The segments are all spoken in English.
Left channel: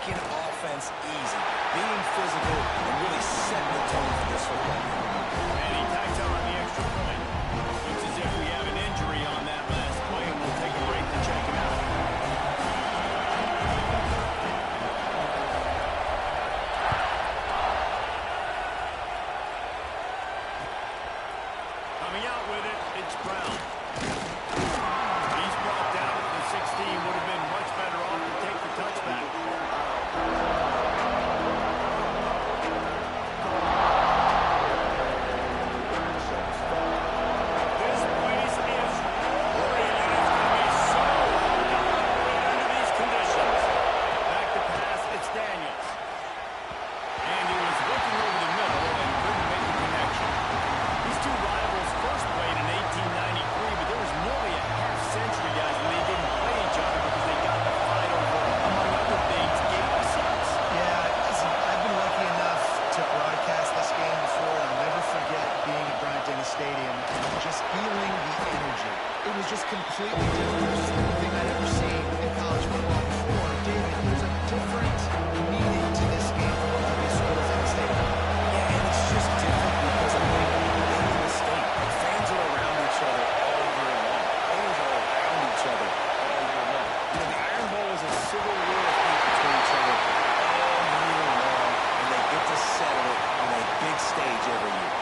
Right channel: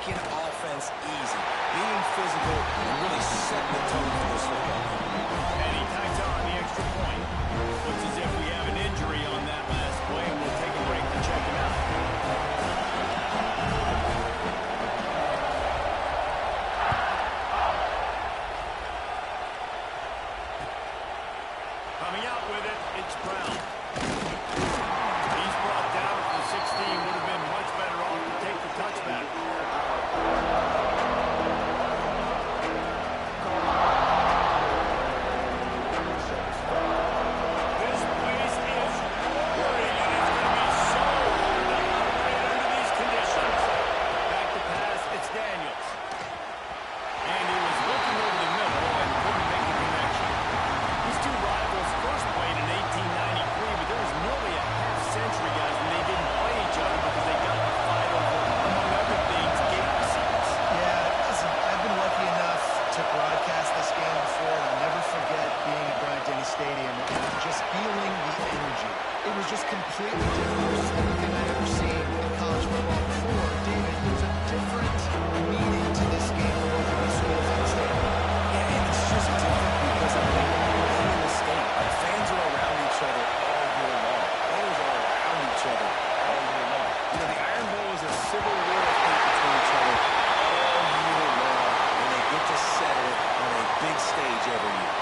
making offense easy, being physical, and really setting the tone for this football game. And he tacks on the extra point. Looks as if we have an injury on that last play, and we'll take a break to check him out. Coming out with it, it's Brown. He's brought down at the 16. Would have been much better off to take the touchback. This place is roaring, and it's going to be so hard to operate under these conditions. Back to pass, it's Daniels. And he was looking over the middle and couldn't make a connection. These two rivals first played in 1893, but there was nearly a half-century, guys, when they didn't play each other because they got in a fight over, among other things, game seats. Yeah, listen, I've been lucky enough to broadcast this game before, and I'll never forget being at Bryant-Denny Stadium and just feeling the energy. It was just completely different versus anything I'd ever seen in college football before. David, there's a different meaning to this game for both of these schools in the state of Auburn. Yeah, and it's just different because I think being in the state, like, fans are around each other all year long. Players are around each other all year long. You know, the Iron Bowl is a civil war of hate between each other all year long, and they get to settle it on a big stage every year.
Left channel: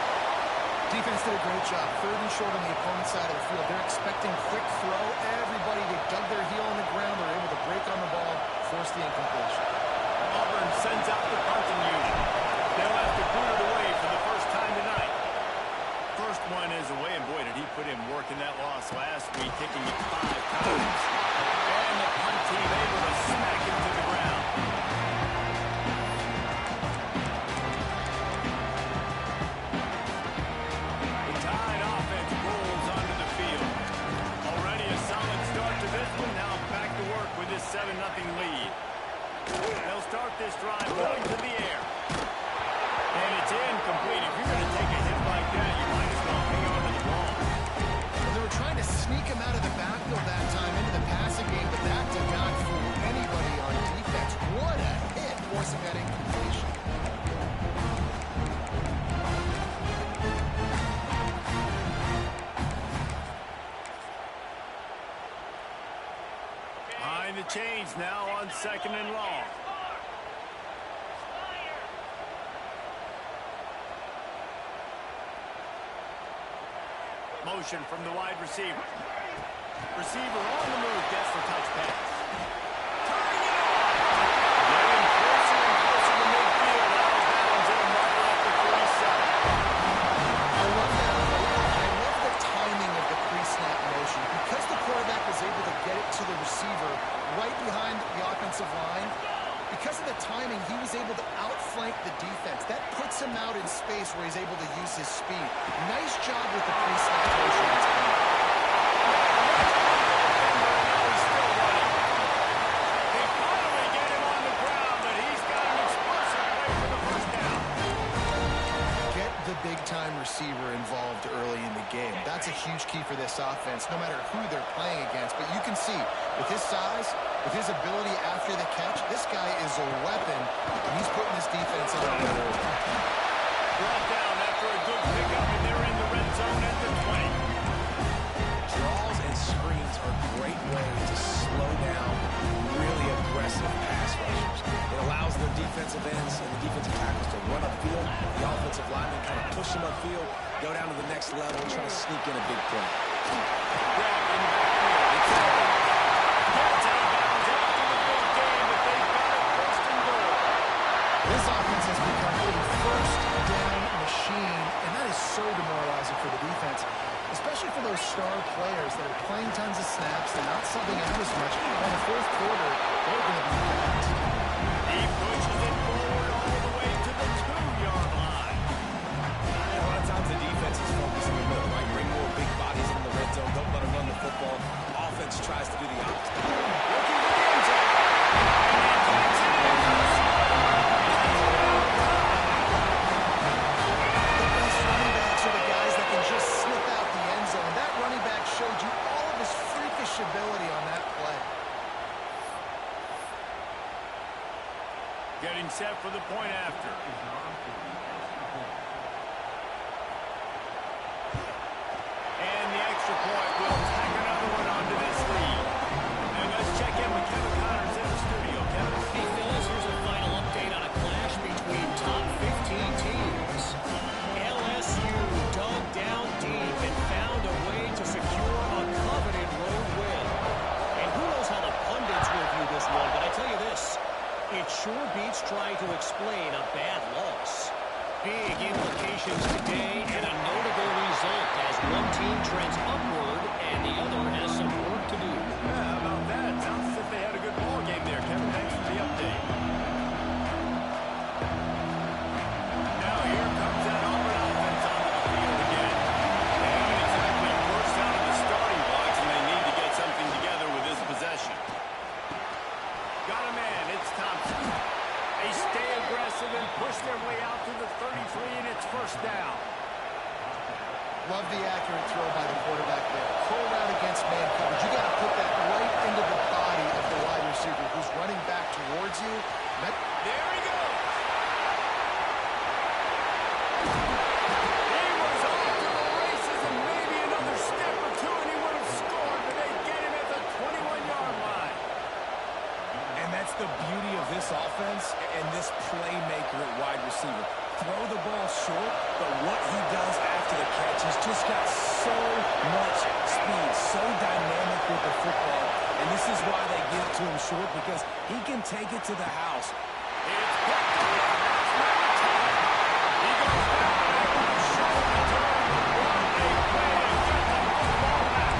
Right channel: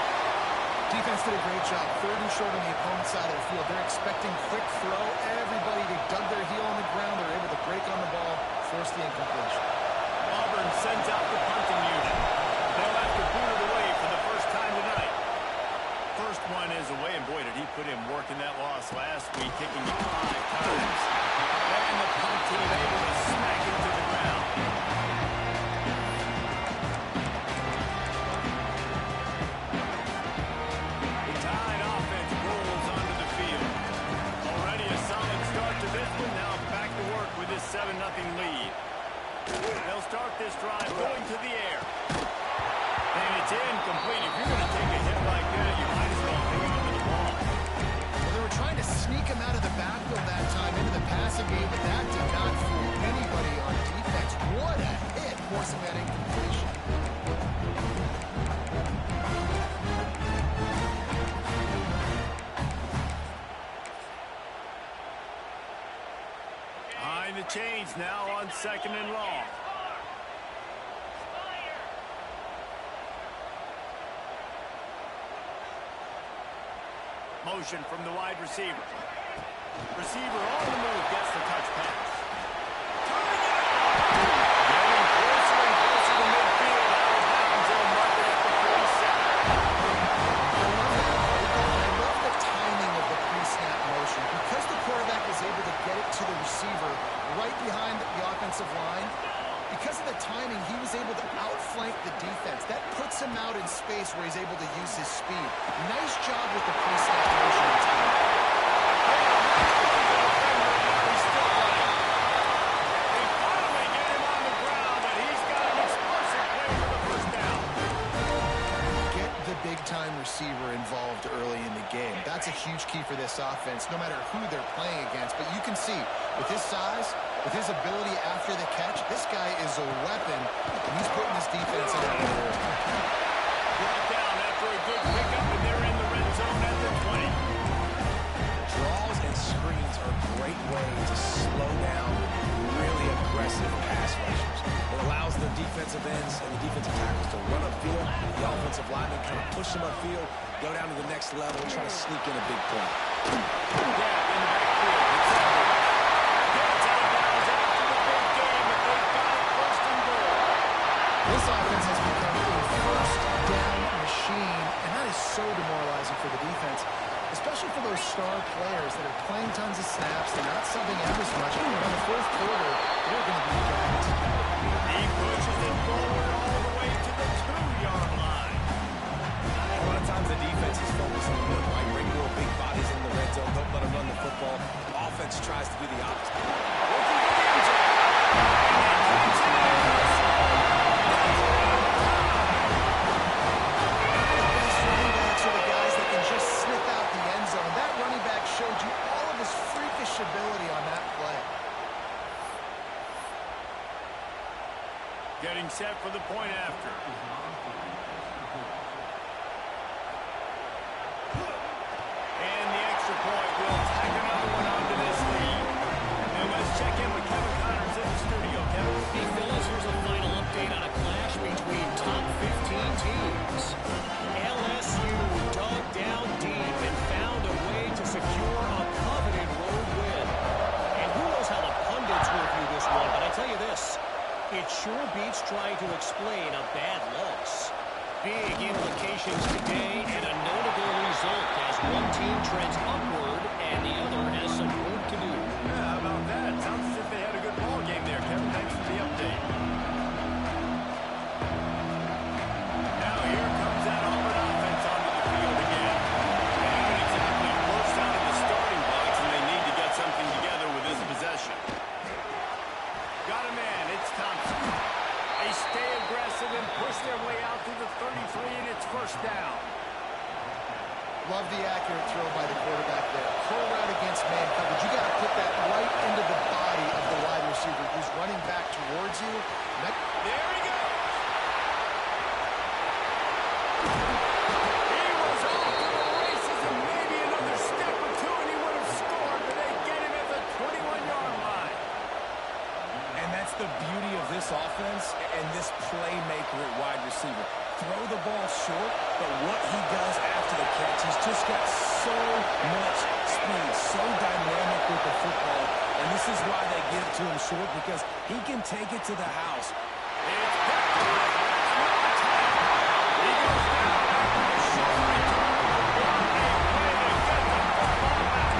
Defense did a great job. 3rd and short on the opponent's side of the field. They're expecting quick throw. Everybody, they dug their heel on the ground. They're able to break on the ball, force the incompletion. Auburn sends out the punting unit. They'll have to boot it away for the first time tonight. First one is away, and boy, did he put in work in that loss last week, kicking it 5 times. And the punt team able to smack him to the ground. The Tide offense rolls onto the field. Already a solid start to this one. Now back to work with this 7-0 lead. They'll start this drive going to the air. And it's incomplete. If you're going to take a hit like that, you might as well hang on to the ball. Well, they were trying to sneak him out of the backfield that time into the passing game, but that did not fool anybody on defense. What a hit, forcing that incompletion. Behind the chains now on 2nd and long. Motion from the wide receiver. Receiver on the move, gets the touch pass. Turning it off! Getting closer and closer to midfield. Out of bounds, they'll mark it at the 47. I love that play, though. I love the timing of the pre-snap motion. Because the quarterback was able to get it to the receiver right behind the offensive line, because of the timing, he was able to outflank the defense. That puts him out in space where he's able to use his speed. Nice job with the pre-snap motion and timing. And now he's still running. They finally get him on the ground, but he's got an explosive play for the first down. Get the big-time receiver involved early in the game. That's a huge key for this offense, no matter who they're playing against. But you can see, with his size, with his ability after the catch, this guy is a weapon, and he's putting this defense on a roll. Brought down after a good pickup, and they're in the red zone at the 20. Draws and screens are great ways to slow down really aggressive pass rushers. It allows the defensive ends and the defensive tackles to run upfield. The offensive linemen kind of push them upfield, go down to the next level, and try to sneak in a big play. Grab in the backfield. It's Auburn. Gets out of bounds after the big game, but they've got it 1st and goal. This offense has become a first-down machine, and that is so demoralizing for the defense, especially for those star players that are playing tons of snaps. They're not subbing out as much. On the 4th quarter, they're going to be gapped. He pushes it forward all the way to the 2-yard line. A lot of times the defense is focused in the middle, right? Bring more big bodies into the red zone. Don't let them run the football. Offense tries to do the opposite. Looking for the end zone. And he takes it in. The best running backs are the guys that can just sniff out the end zone. That running back showed you all of his freakish ability on that play. Getting set for the point after. And the extra point will tack another one onto this lead. And let's check in with Kevin Connors in the studio. Kevin? Hey, fellas, here's a final update on a clash between top 15 teams. LSU dug down deep and found a way to secure a coveted road win. And who knows how the pundits will view this one, but I tell you this, it sure beats trying to explain a bad loss. Big implications today and a notable result as one team trends upward and the other has some work to do. Yeah, how about that? Sounds as if they had a good ball game there, Kevin. Thanks for the update. Now here comes that Auburn offense onto the field again. They haven't exactly burst out of the starting blocks, and they need to get something together with this possession. Got a man. It's Thompson. They stay aggressive and push their way out to the 33, and it's first down. Love the accurate throw by the quarterback there. Curl route against man coverage. You got to put that right into the body of the wide receiver who's running back towards you. There he goes. He was off to the races and maybe another step or two, and he would have scored, but they get him at the 21-yard line. And that's the beauty of this offense and this playmaker at wide receiver. Throw the ball short, but what he does after the catch, he's just got so much speed, so dynamic with the football. And this is why they give it to him short, because he can take it to the house. It's picked up. That's number 10. He goes down after the short return, but what a play to get the football back.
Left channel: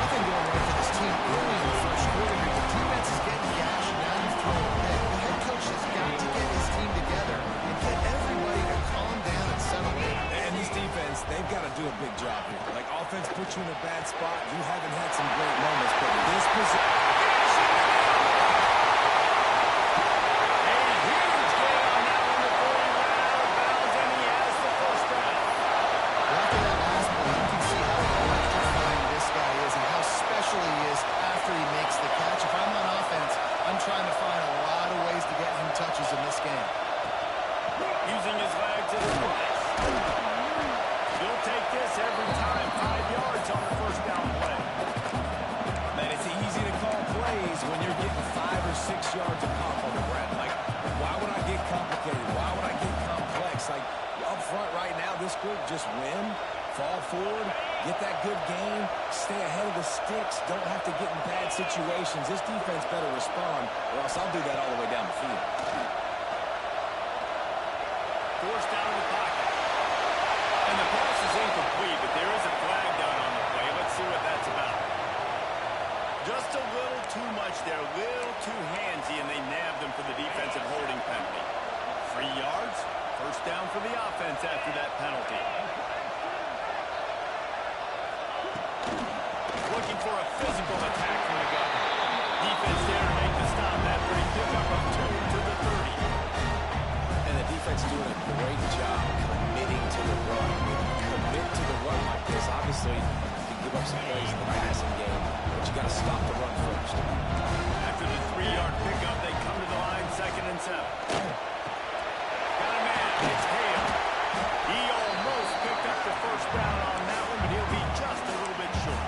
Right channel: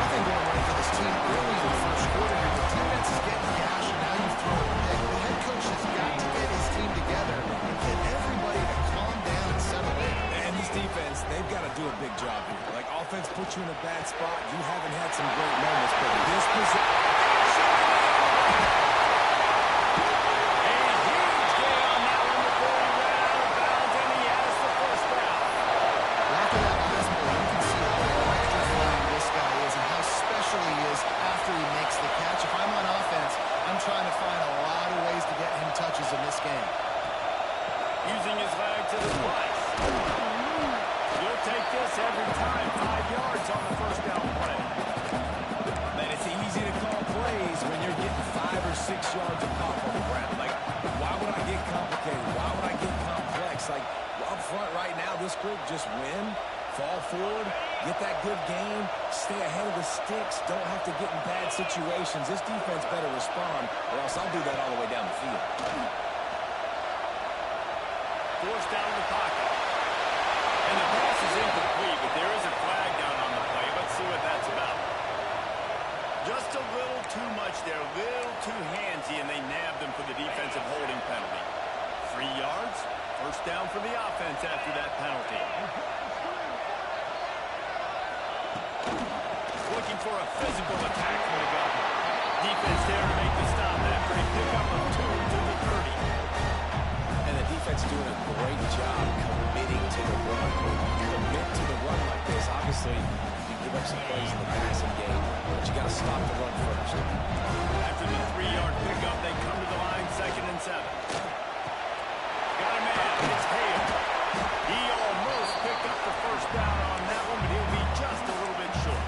Nothing going right for this team early in the first quarter here. The defense is getting gashed, and now you've thrown a pick. The head coach has got to get his team together and get everybody to calm down and settle in. And this defense, they've got to do a big job here. Like, offense puts you in a bad spot. You haven't had some great moments, but this position... A huge gain on that one before he ran out of bounds, and he has the first down. After that last play, you can see how electrifying this guy is and how special he is after he makes the catch. If I'm on offense, I'm trying to find a lot of ways to get him touches in this game. Using his legs as a slice. You'll take this every time. 5 yards on the first down play. Man, it's easy to call plays when you're getting 5 or 6 yards of pop on the ground. Like, why would I get complicated? Why would I get complex? Like, up front right now, this group just win, fall forward, get that good game, stay ahead of the sticks, don't have to get in bad situations. This defense better respond, or else I'll do that all the way down the field. Forced out of the pocket. And the pass is incomplete, but there is a flag down on the play. Let's see what that's about. Just a little too much there, a little too handsy, and they nabbed them for the defensive holding penalty. 3 yards, first down for the offense after that penalty. Looking for a physical attack from the gun. Defense there to make the stop after a pickup of 2 to the 30. And the defense doing a great job committing to the run. When you commit to the run like this, obviously you can give up some plays in the passing game, but you got to stop the run first. After the 3-yard pickup, they come to the line, 2nd and 7. Got a man. It's Hale. He almost picked up the first down on that one, but he'll be just a little bit short.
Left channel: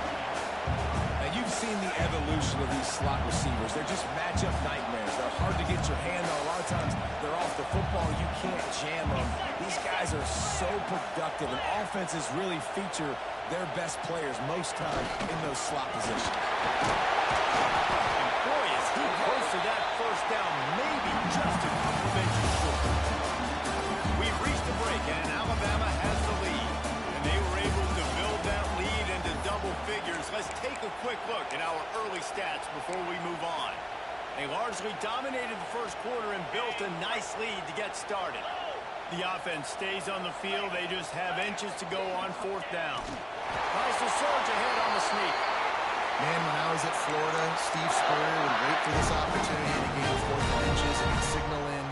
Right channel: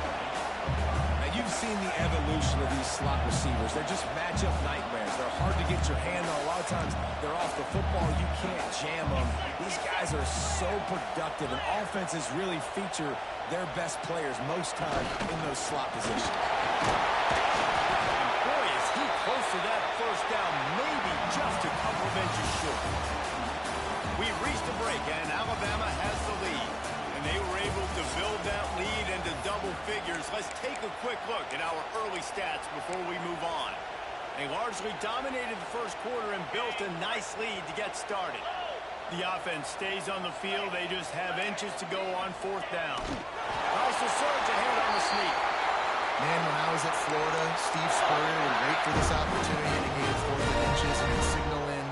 Now, you've seen the evolution of these slot receivers. They're just matchup nightmares. They're hard to get your hand on. A lot of times, they're off the football. You can't jam them. These guys are so productive, and offenses really feature their best players most time in those slot positions. And boy, is he close to that first down, maybe just a couple of inches short. We've reached a break, and Alabama has the lead. And they were able to build that lead into double figures. Let's take a quick look at our early stats before we move on. They largely dominated the first quarter and built a nice lead to get started. The offense stays on the field. They just have inches to go on 4th down. Tries to surge ahead on the sneak. Man, when I was at Florida, Steve Spurrier would wait for this opportunity in a game 4th and inches and he'd signal in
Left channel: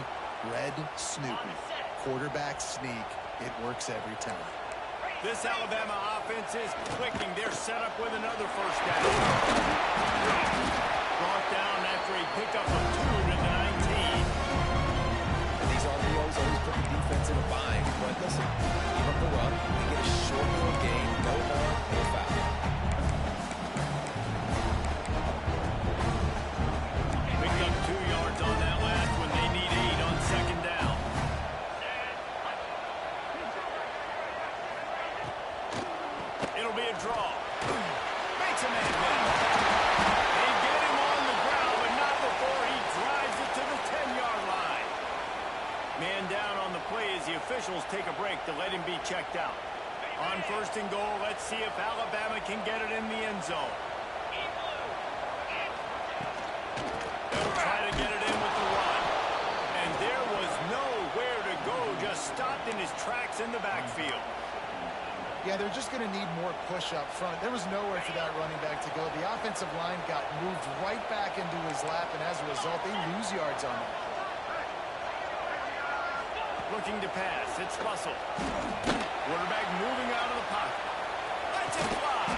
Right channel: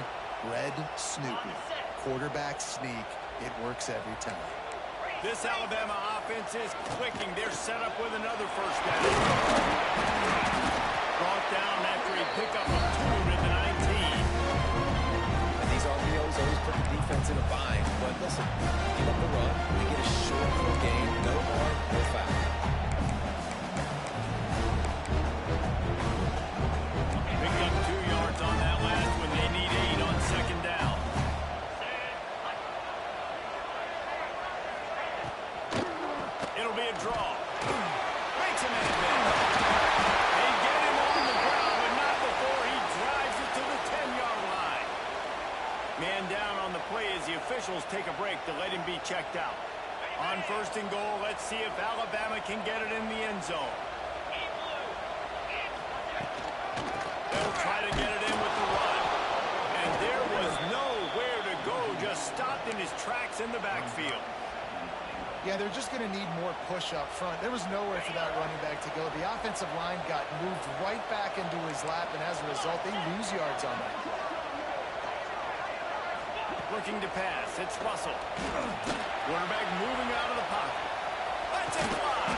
red Snoopy. Quarterback sneak. It works every time. This Alabama offense is clicking. They're set up with another first down. Brought down after a pickup of 2 to the 19. always put the defense in a bind. But listen, give up the run, they get a short little gain, no harm, no foul. Picked up 2 yards on that last one. They need 8 on second down. It'll be a draw. Makes a man miss. They get him on the ground, but not before he drives it to the 10-yard line. Man down on the play as the officials take a break to let him be checked out. On first and goal, let's see if Alabama can get it in the end zone. They'll try to get it in with the run. And there was nowhere to go, just stopped in his tracks in the backfield. Yeah, they're just going to need more push up front. There was nowhere for that running back to go. The offensive line got moved right back into his lap, and as a result, they lose yards on that. Looking to pass, it's Russell. Quarterback moving out of the pocket. Let's it fly.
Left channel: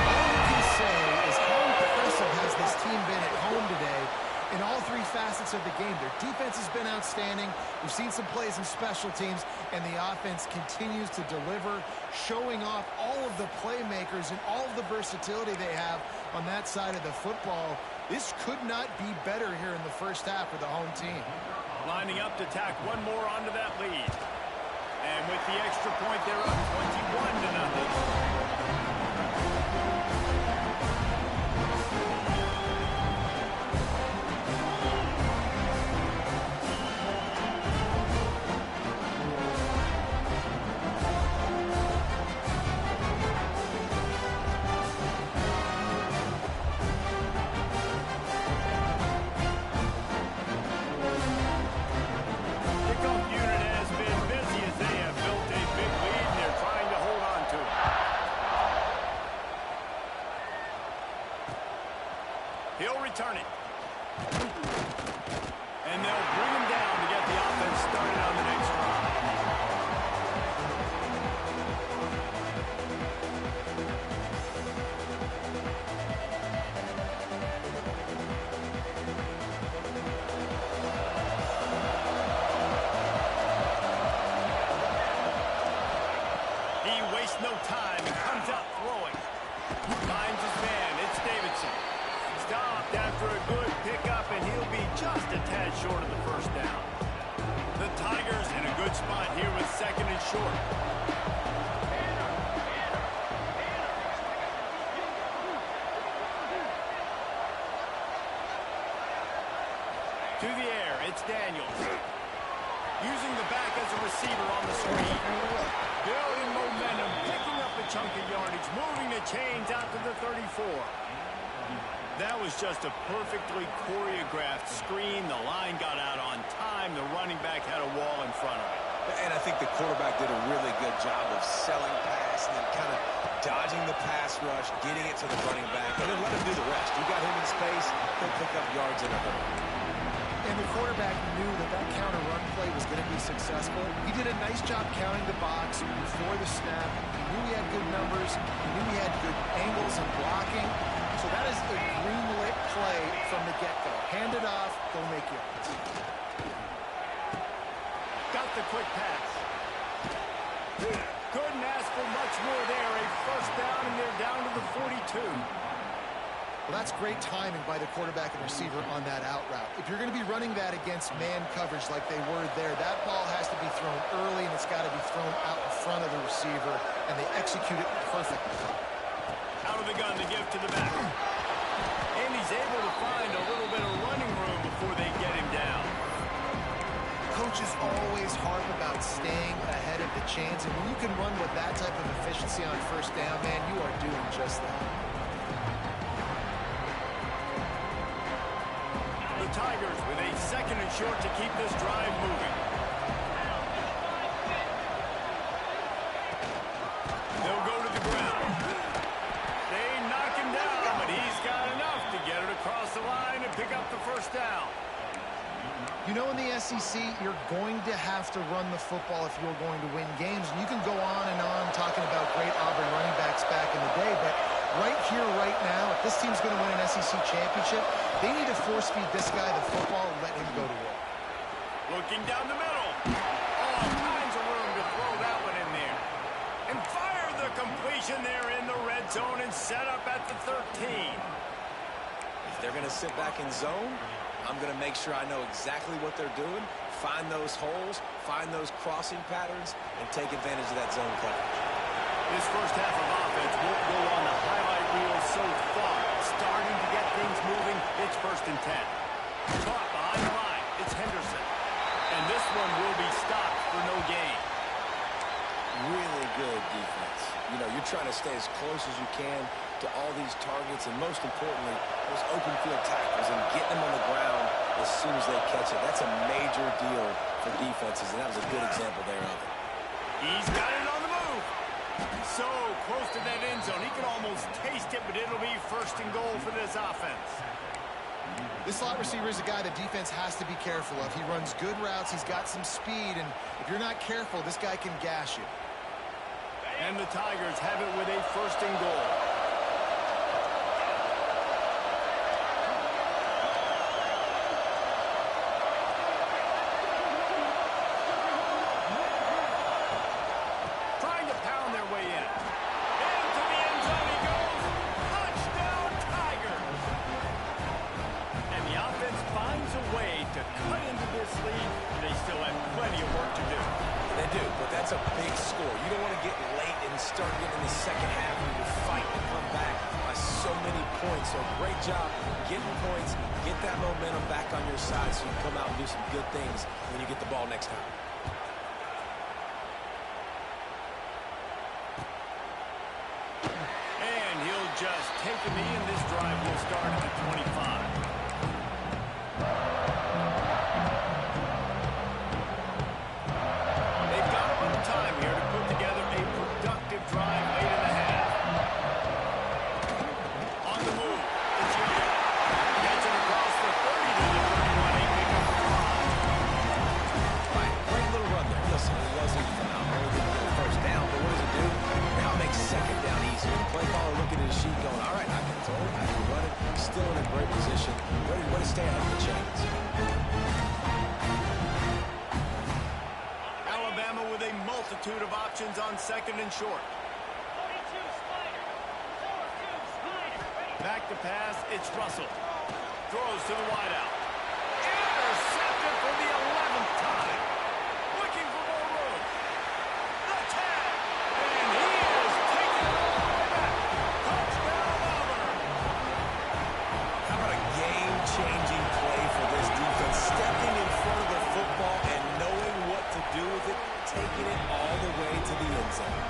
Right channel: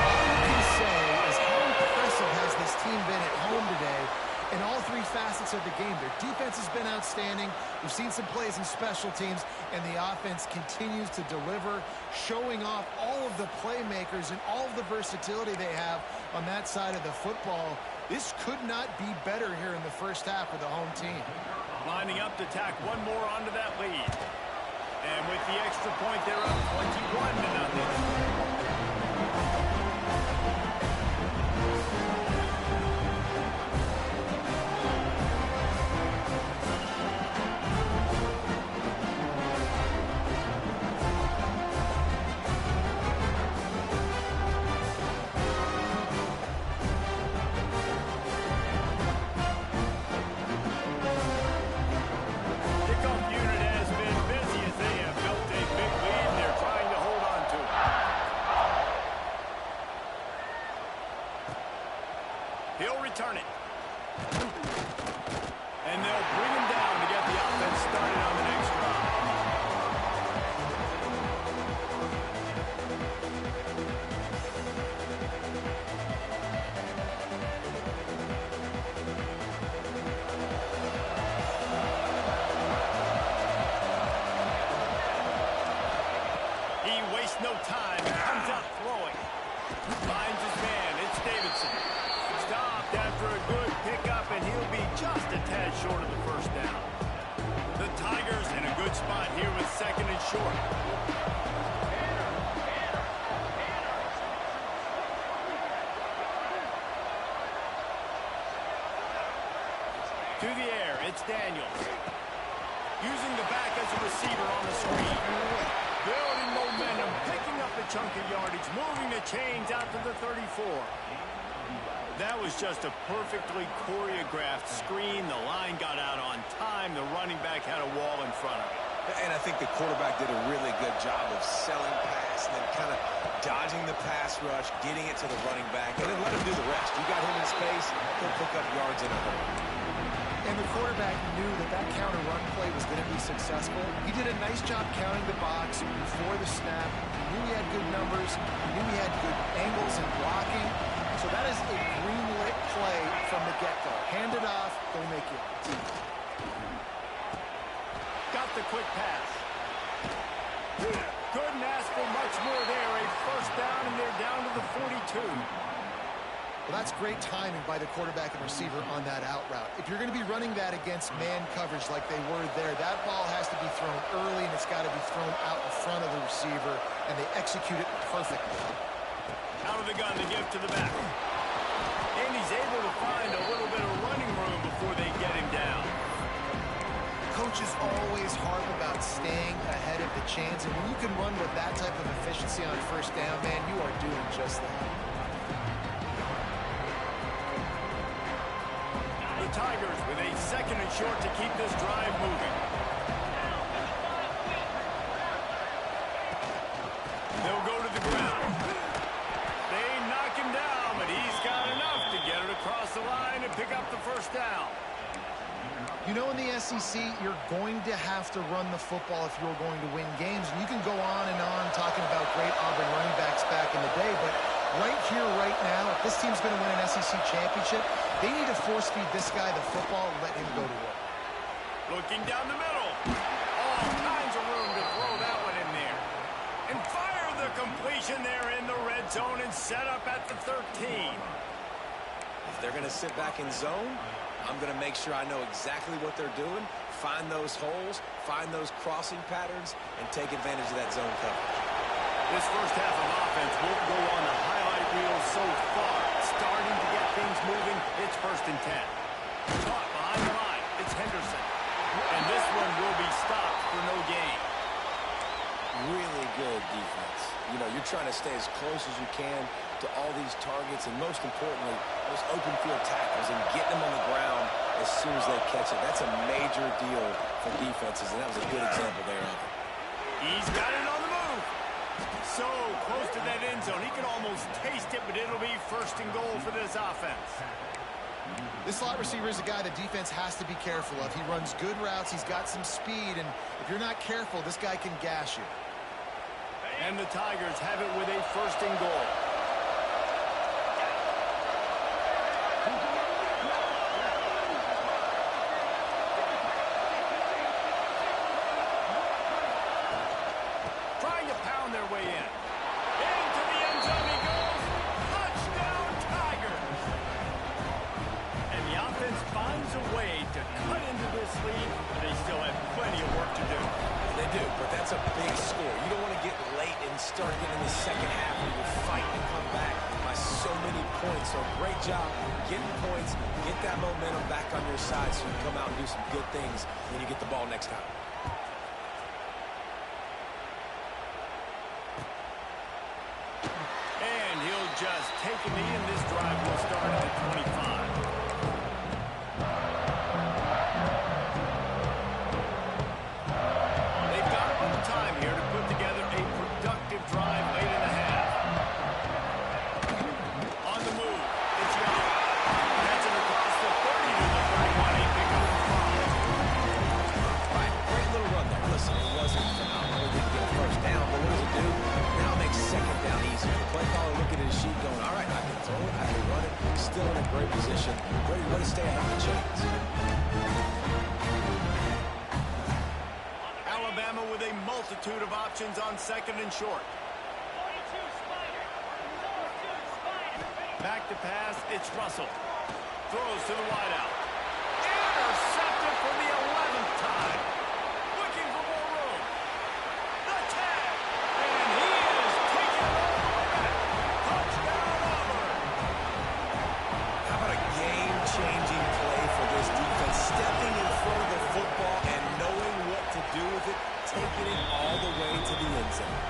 All you can say is how impressive has this team been at home today in all 3 facets of the game. Their defense has been outstanding. We've seen some plays in special teams, and the offense continues to deliver, showing off all of the playmakers and all of the versatility they have on that side of the football. This could not be better here in the first half for the home team. Lining up to tack one more onto that lead. And with the extra point, they're up 21-0. He'll return it. And they'll bring him down to get the offense started on the next drive. He wastes no time and comes out throwing. Finds his man. It's Davidson. Stopped after a good pickup, and he'll be just a tad short of the first down. The Tigers in a good spot here with second and short. To the air, it's Daniels. Using the back as a receiver on the screen. Building momentum, picking up a chunk of yardage, moving the chains out to the 34. That was just a perfectly choreographed screen. The line got out on time. The running back had a wall in front of it. And I think the quarterback did a really good job of selling pass and then kind of dodging the pass rush, getting it to the running back, and then let him do the rest. You got him in space, he'll pick up yards in a hurry. And the quarterback knew that that counter run play was going to be successful. He did a nice job counting the box before the snap. He knew he had good numbers. He knew he had good angles and blocking. So that is a green-lit play from the get-go. Hand it off, go make yards. Got the quick pass. Couldn't ask for much more there. A first down, and they're down to the 42. Well, that's great timing by the quarterback and receiver on that out route. If you're going to be running that against man coverage like they were there, that ball has to be thrown early, and it's got to be thrown out in front of the receiver, and they execute it perfectly. Out of the gun to give to the back. And he's able to find a little bit of running room before they get him down. Coaches always harp about staying ahead of the chains, and when you can run with that type of efficiency on first down, man, you are doing just that. The Tigers with a second and short to keep this drive moving. They'll go to the ground. They knock him down, but he's got enough to get it across the line and pick up the first down. You know, in the SEC, you're going to have to run the football if you're going to win games. And you can go on and on talking about great Auburn running backs back in the day, but right here, right now, if this team's going to win an SEC championship, they need to force-feed this guy the football and let him go to work. Looking down the middle. All kinds of room to throw that one in there. And fire the completion there in the red zone and set up at the 13. If they're going to sit back in zone, I'm going to make sure I know exactly what they're doing, find those holes, find those crossing patterns, and take advantage of that zone coverage. This first half of offense won't go on the highlight reel so far. Starting to get things moving. It's 1st and 10. Caught behind the line. It's Henderson. And this one will be stopped for no gain. Really good defense. You know, you're trying to stay as close as you can to all these targets, and most importantly, those open field tackles, and get them on the ground as soon as they catch it. That's a major deal for defenses, and that was a good example there of it. He's got it on the move. So close to that end zone. He can almost taste it, but it'll be 1st and goal for this offense. This slot receiver is a guy the defense has to be careful of. He runs good routes. He's got some speed, and if you're not careful, this guy can gash you. And the Tigers have it with a 1st and goal. Trying to pound their way in. Into the end zone he goes. Touchdown, Tigers. And the offense finds a way to cut into this lead, and they still have plenty of work to do. They do, but that's a big score. You don't want to get late and start getting in the second half where you're fighting to come back by so many points. So great job getting points, get that momentum back on your side so you can come out and do some good things when you get the ball next time. And he'll just take a knee, and this drive will start at the 25. Time here to put together a productive drive late in the half. On the move, it's Young. Gets it across the 30 to the 31. A pickup for 5. Right, great little run there. Listen, it wasn't phenomenal. He didn't get a first down, but what does it do? Now it makes second down easier. The play caller looking at his sheet going, all right, I can throw it, I can run it. Still in a great position, ready to stay ahead of the chains. Alabama with a multitude of options on 2nd and short. 42 Spider. 4-2 Spider. Back to pass, it's Russell. Throws to the wideout. Intercepted for the 11th time. Looking for more room. The tag. And he is taking it all the way back. Touchdown, Auburn. How about a game-changing play for this defense? Stepping in front of the football and knowing what to do with it, taking it all the way to the end zone.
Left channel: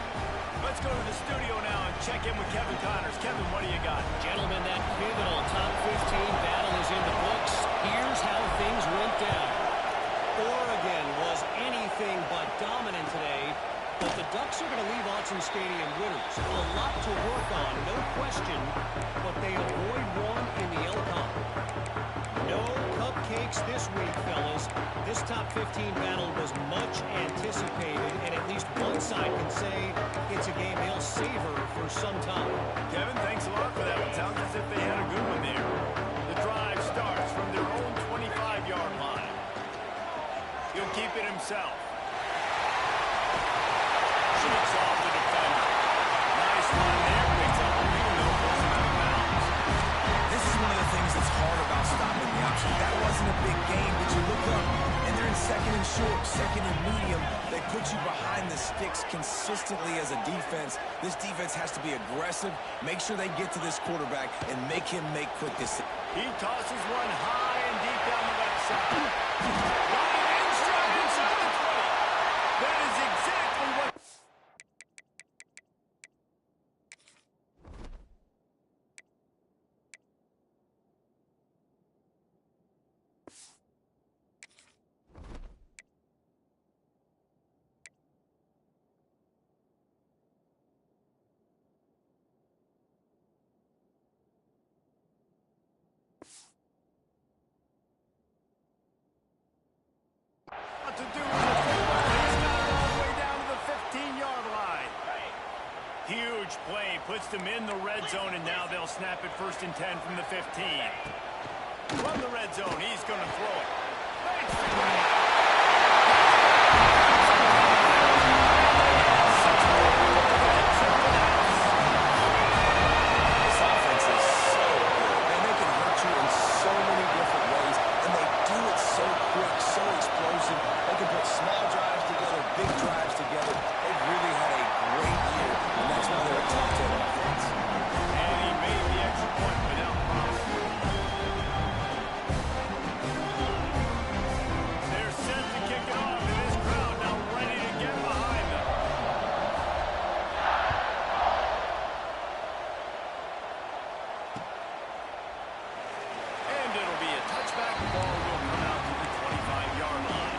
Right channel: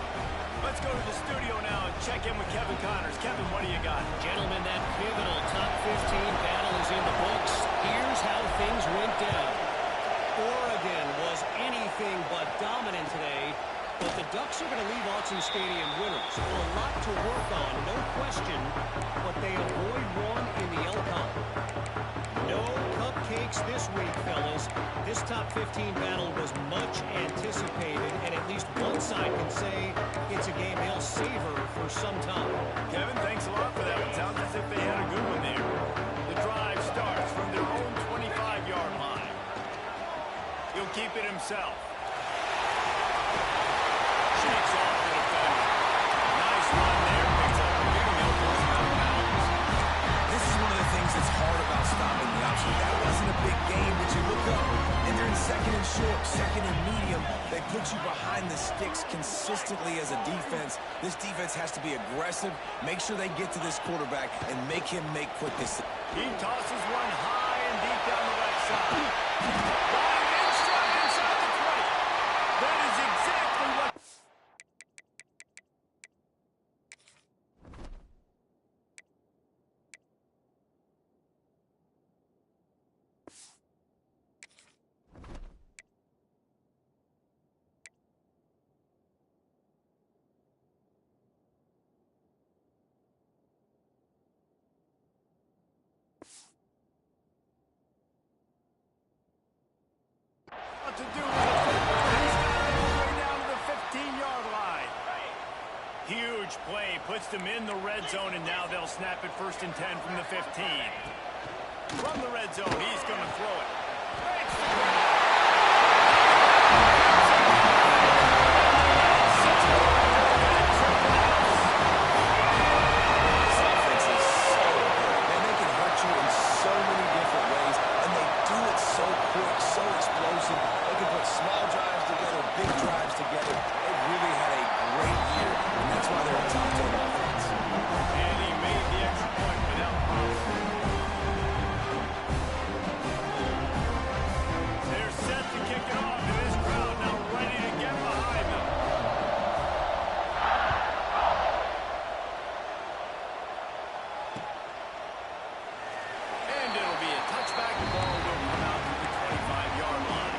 Let's go to the studio now and check in with Kevin Connors. Kevin, what do you got? Gentlemen, that pivotal top 15 battle is in the books. Here's how things went down. Oregon was anything but dominant today, but the Ducks are going to leave Autzen Stadium winners. A lot to work on, no question, but they avoid one in the LCON. No cupcakes this week, fellas. This top 15 battle was much anticipated, and at least one side can say it's a game they'll savor for some time. Kevin, thanks a lot for that one. Sounds as if they had a good one there. The drive starts from their own 25-yard line. He'll keep it himself. Shakes off the defender. Nice run there. Picks up the lead, and they'll force him out of bounds. This is one of the things that's hard about stopping the option. That wasn't a big game, but you look up, and they're in 2nd and short, 2nd and medium. They put you behind the sticks consistently as a defense. This defense has to be aggressive, make sure they get to this quarterback, and make him make quick decisions. He tosses one high and deep down the left side. Got it in stride inside the 20. That is exactly what... to do with the football. He's got it all the way down to the 15-yard line. Huge play, puts them in the red zone, and now they'll snap it 1st and 10 from the 15. From the red zone, he's going to throw it. Makes the grab. This offense is so good. Man, they can hurt you in so many different ways, and they do it so quick, so explosive. They can put small drives together, big drives together. They've really had a great year, and that's why they're a top 10 offense. And he made the extra point without problem. They're set to kick it off, and this crowd now ready to get behind them. And it'll be a touchback. The ball will come out to the 25-yard line.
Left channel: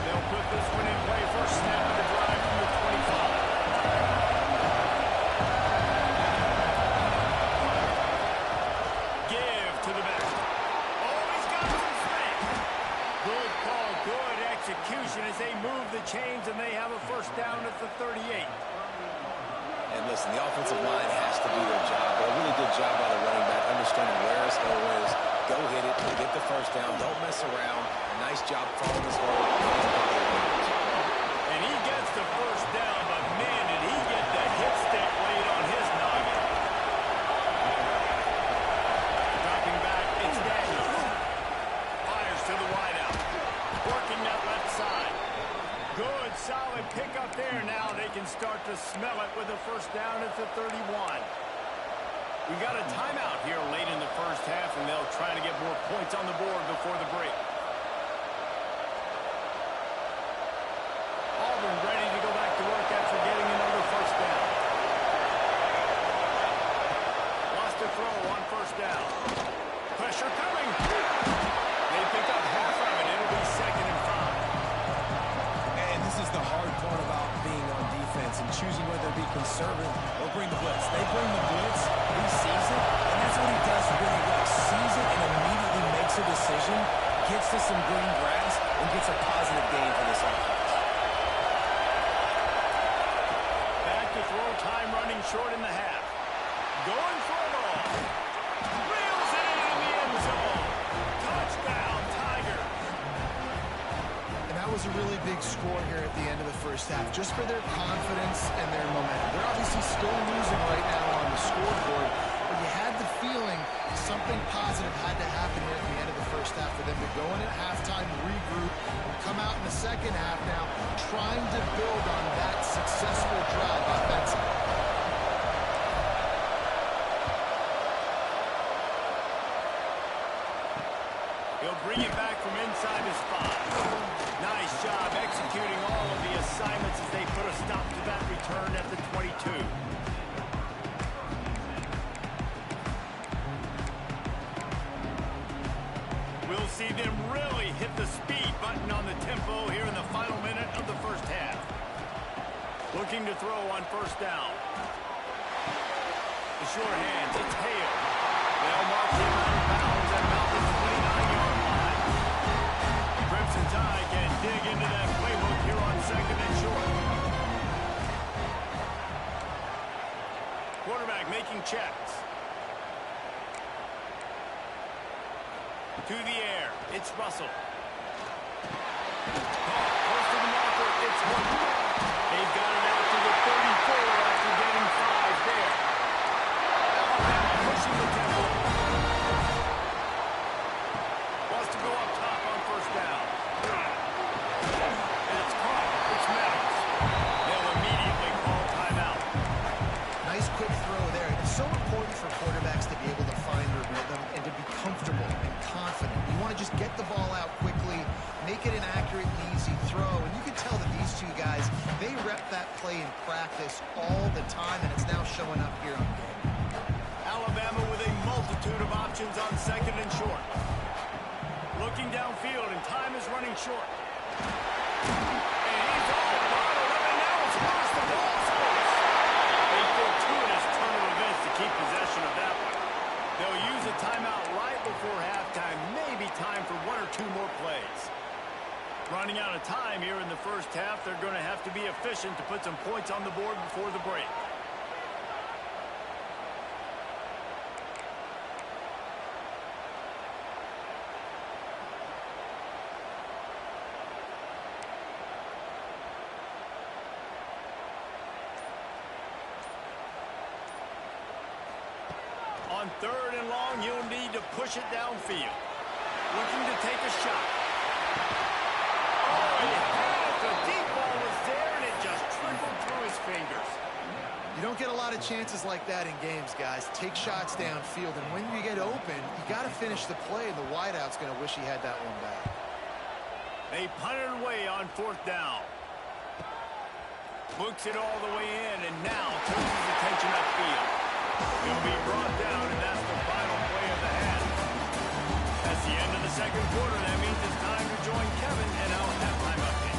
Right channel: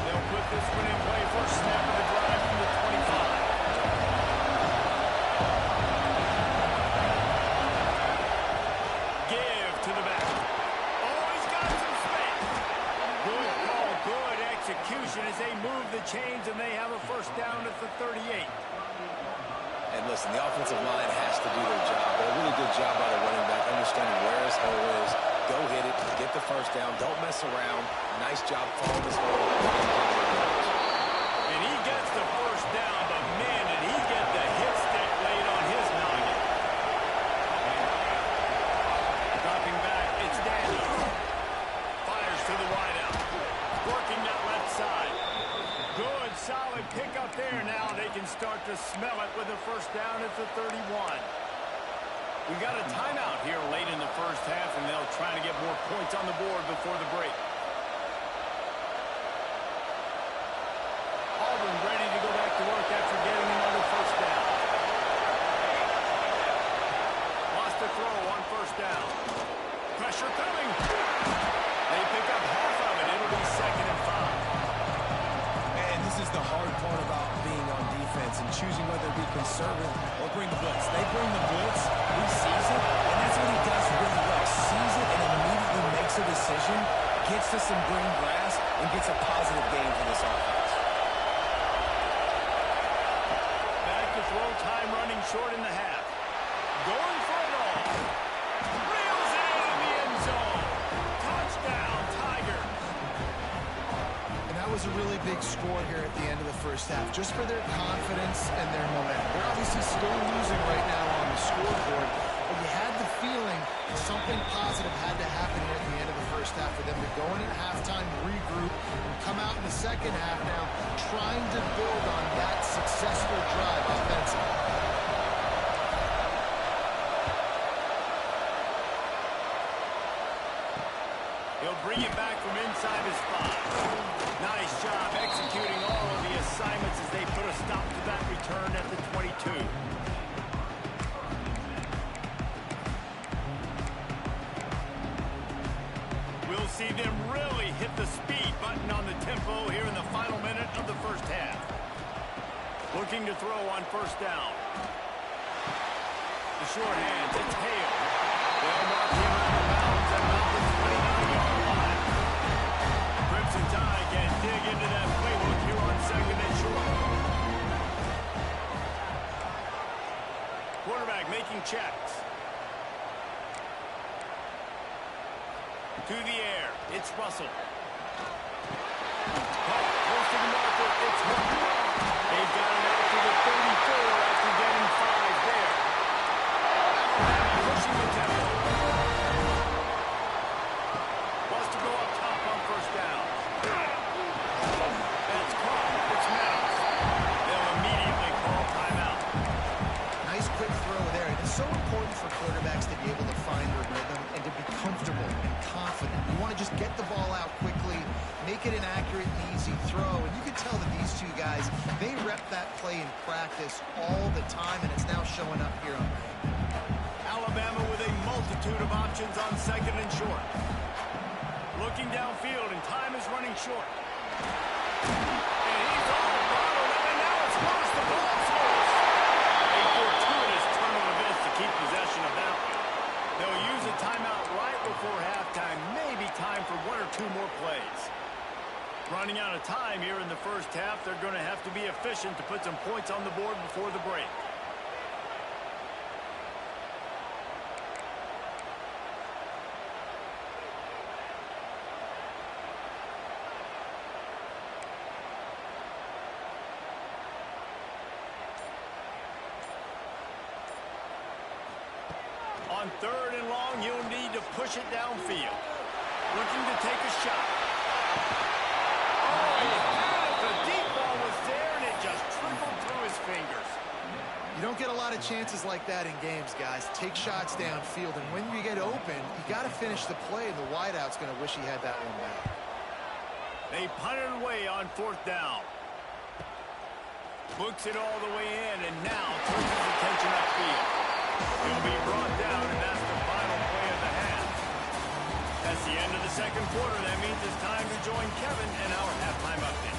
They'll put this one in play. First snap of the drive from the 25. Give to the back. Oh, he's got some space. Good call, good execution as they move the chains, and they have a first down at the 38. And listen, the offensive line has to do their job, but a really good job by the running back, understanding where his hole is. Go hit it, get the first down, don't mess around. Nice job following his hole and positive yards. And he gets the first down, but man, did he get the hit stick laid on his noggin. Dropping back, it's Daniels. Fires to the wideout. Working that left side. Good, solid pickup there. Now they can start to smell it with a first down at the 31. We got a timeout here late in the first half, and they'll try to get more points on the board before the break. Auburn ready to go back to work after getting another first down. Wants to throw on first down. Pressure coming. They pick up half of it. It'll be 2nd and 5. And this is the hard part about being on defense and choosing whether to be conservative or bring the blitz. They bring the blitz, he sees it, and that's what he does really well. Sees it and immediately makes a decision, gets to some green grass, and gets a positive gain for this offense. Back to throw, time running short in the half. Going for it all. Reels it in the end zone. Touchdown, Tigers. And that was a really big score here at the end of the first half, just for their confidence and their momentum. They're obviously still losing right now on the scoreboard, but you had the feeling something positive had to happen here at the end of the first half for them to go in at halftime, regroup, and come out in the second half now trying to build on that successful drive offensively. He'll bring it back from inside his 5. Nice job executing all of the assignments as they put a stop to that return at the 22. We'll see them really hit the speed button on the tempo here in the final minute of the first half. Looking to throw on first down. The short hands, it's Hale. They'll mark him out of bounds at about the 29-yard line. Crimson Tide can dig into that playbook here on 2nd and short. Quarterback making checks. To the air, it's Russell. Close to the marker, it's 1. They've got it out to the 34 after getting 5 there. Alabama pushing the tempo. Wants to go up top on first down. That's caught. It's Meadows. They'll immediately call timeout. Nice quick throw there. It's so important for quarterbacks to be able to find their rhythm and to be comfortable and confident. You want to just get the ball out quickly, make it an accurate and easy throw. And you can tell that these two guys, they rep that play in practice all the time, and it's now showing up here on game. Alabama with a multitude of options on 2nd and short. Looking downfield, and time is running short. And he's all bottled up, and now it's worse. The ball's loose. A fortuitous turn of events to keep possession of that one. They'll use a timeout right before halftime. Maybe time for 1 or 2 more plays. Running out of time here in the first half. They're going to have to be efficient to put some points on the board before the break. On 3rd and long, you'll need to push it downfield. Looking to take a shot. Oh, he has! The deep ball was there, and it just trickled through his fingers. You don't get a lot of chances like that in games, guys. Take shots downfield, and when you get open, you got to finish the play, and the wideout's going to wish he had that one back. They punted away on 4th down. Books it all the way in, and now turns his attention upfield. He'll be brought down, and that's the final play of the half. That's the end of the second quarter. That means it's time to join Kevin in our halftime update.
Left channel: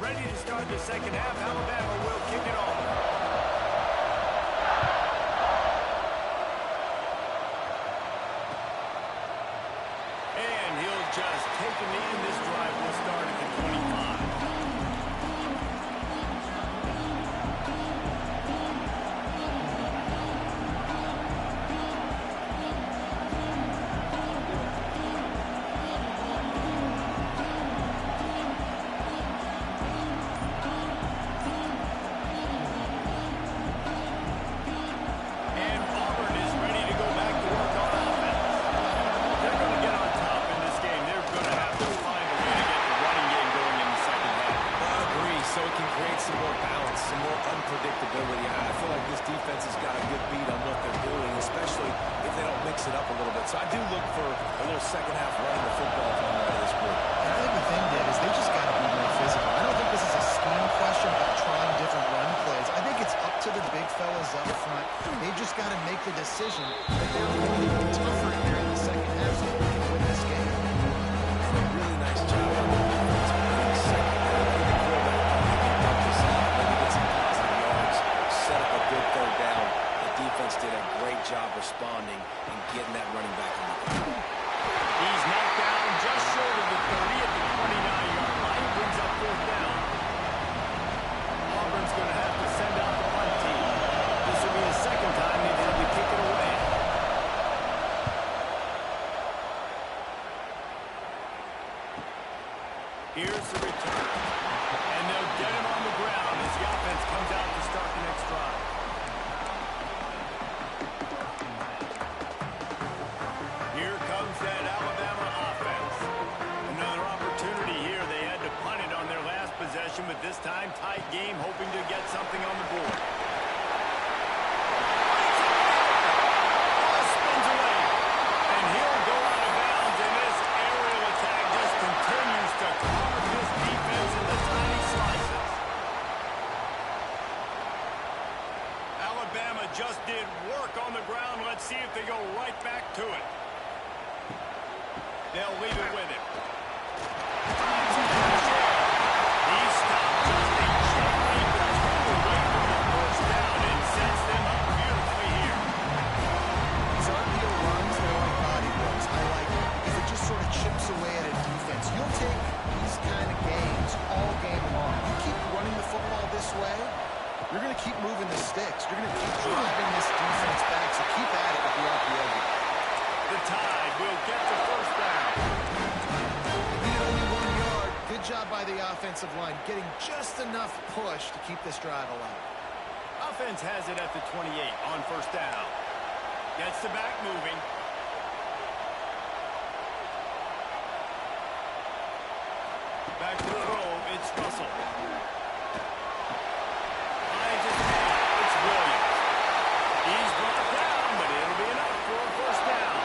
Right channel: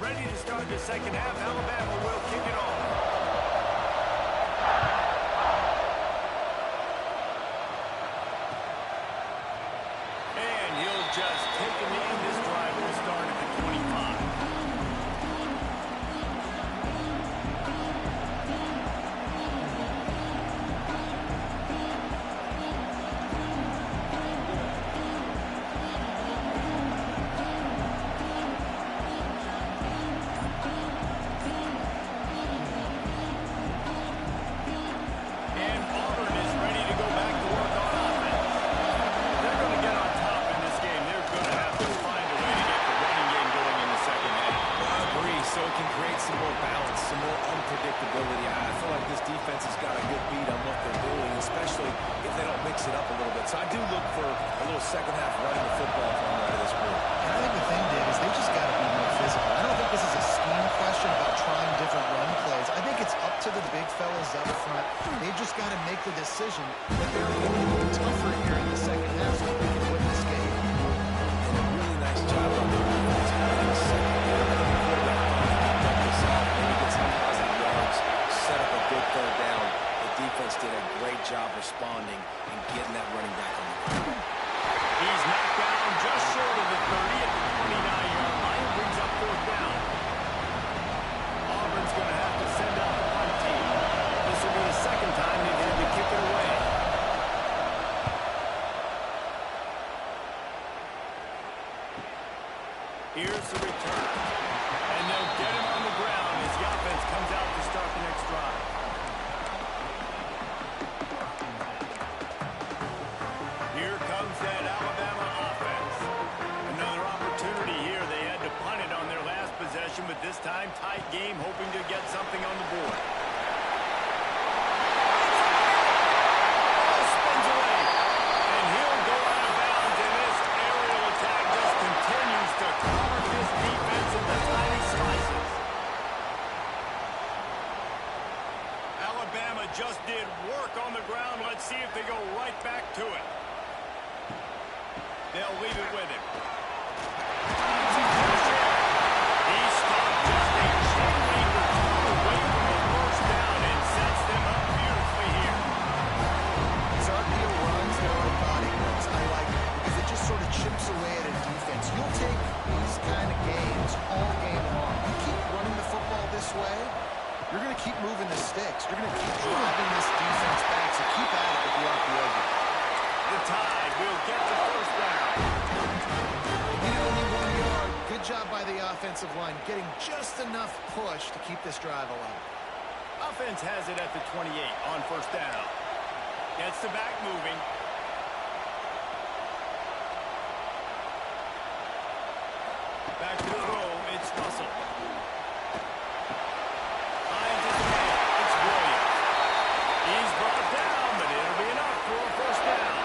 Ready to start the second half. Alabama will kick it off. And he'll just take a knee, and this drive will start at the 25. And Auburn is ready to go back to work on offense. They're going to get on top in this game. They're going to have to find a way to get the running game going in the second half. I agree, so it can create some more balance, some more unpredictability. I feel like this defense has got a good beat on what they're doing, especially if they don't mix it up a little bit. So I do look for a little second half running the football from out of this group. And I think the thing, Dave, is they just got to be more physical. I don't think this is a scheme question about trying different run plays. I think it's up to the big fellas up front. They've just got to make the decision that they're going to be tougher here in the second half so that we can win this game. And a really nice job on the defense winning second half. I think the quarterback thought he could dump this off, maybe get some positive yards, set up a good 3rd down. The defense did a great job responding and getting that running back on the ground. He's knocked down just short of the 30 at the 29-yard line. Brings up 4th down. Auburn's going to have to send out the punt team. This will be the second time they've had to kick it away. Here's the return. And they'll get him on the ground as the offense comes out to start the next drive. Here comes that Alabama offense. Another opportunity here. They had to punt it on their last possession, but this time tight game, hoping to get something on the board. Ball spins away, and he'll go out of bounds, and this aerial attack just continues to carve this defense into tiny slices. Alabama just did work on the ground. Let's see if they go right back to it. They'll leave it with him. Finds some fresh air. He stopped just a chain link or two away from the 1st down and sets them up beautifully here. These RPO runs, they're like body blows. I like it because it just sort of chips away at a defense. You'll take these kind of games all game long. You keep running the football this way, you're going to keep moving the sticks. You're going to keep driving this defense back, so keep at it with the RPO game. The Tide will get the 1st down. They needed only 1 yard. Good job by the offensive line, getting just enough push to keep this drive alive. Offense has it at the 28 on 1st down. Gets the back moving. Back to throw. It's Russell. Finds his man. It's Williams. He's brought down, but it'll be enough for a 1st down.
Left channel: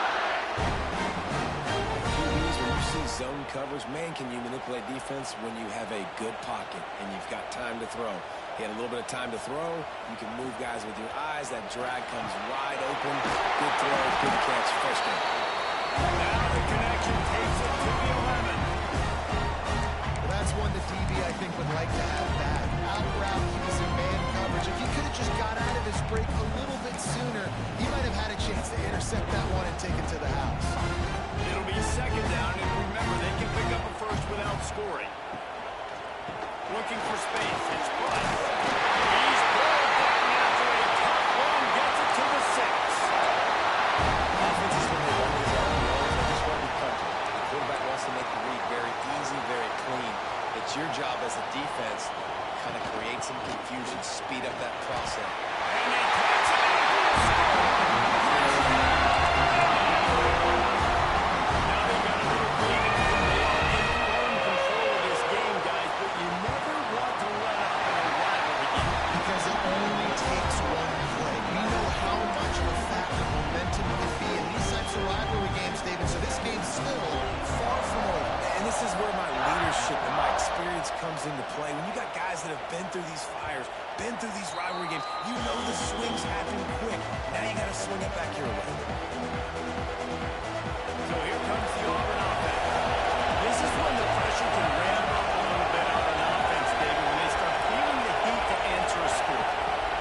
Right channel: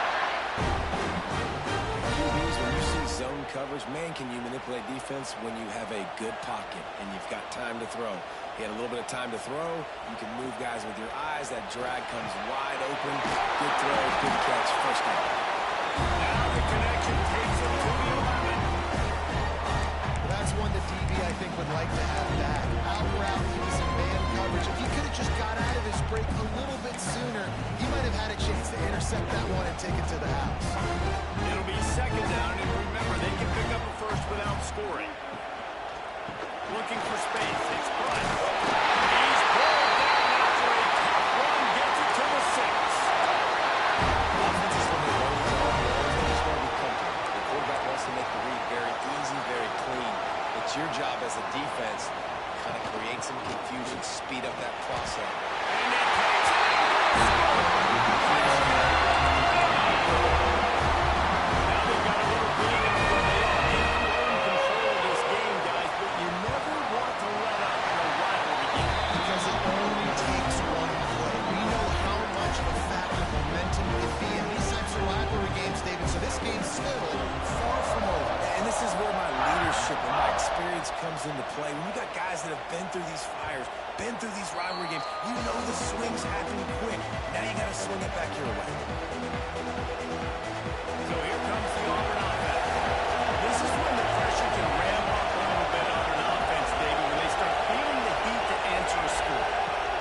QBs, when you see zone coverage, man, can you manipulate defense when you have a good pocket and you've got time to throw. He had a little bit of time to throw. You can move guys with your eyes. That drag comes wide open. Good throw, good catch, first down. Now the connection takes it to the 11. Well, that's one that DB, I think, would like to have back. Out route, he was in man coverage. If he could have just got out of his break a little bit sooner, he might have had a chance to intercept that one and take it to the house. It'll be second down, and remember, they can pick up a first without scoring. Looking for space. It's Price. He's pulled down after a tough run. Gets it to the 6. Offenses, when they run these out of roles, they just want to be comfortable. The quarterback wants to make the read very easy, very clean. It's your job as a defense to kind of create some confusion, speed up that process. And he takes it in for the score. Now they've got a little lead, and they are in full control of this game, guys, but you never want to let up in a rivalry game. Because it only takes one play. We know how much of a factor momentum can be in these types of rivalry games, David, so this game's still far from over. And this is where my leadership and my experience comes into play. When you got guys that have been through these fires, been through these rivalry games, you know the swings happen quick. Now you got to swing it back your way. So here comes the Auburn offense. This is when the pressure can ramp up a little bit on an offense, David, when they start feeling the heat to answer a score.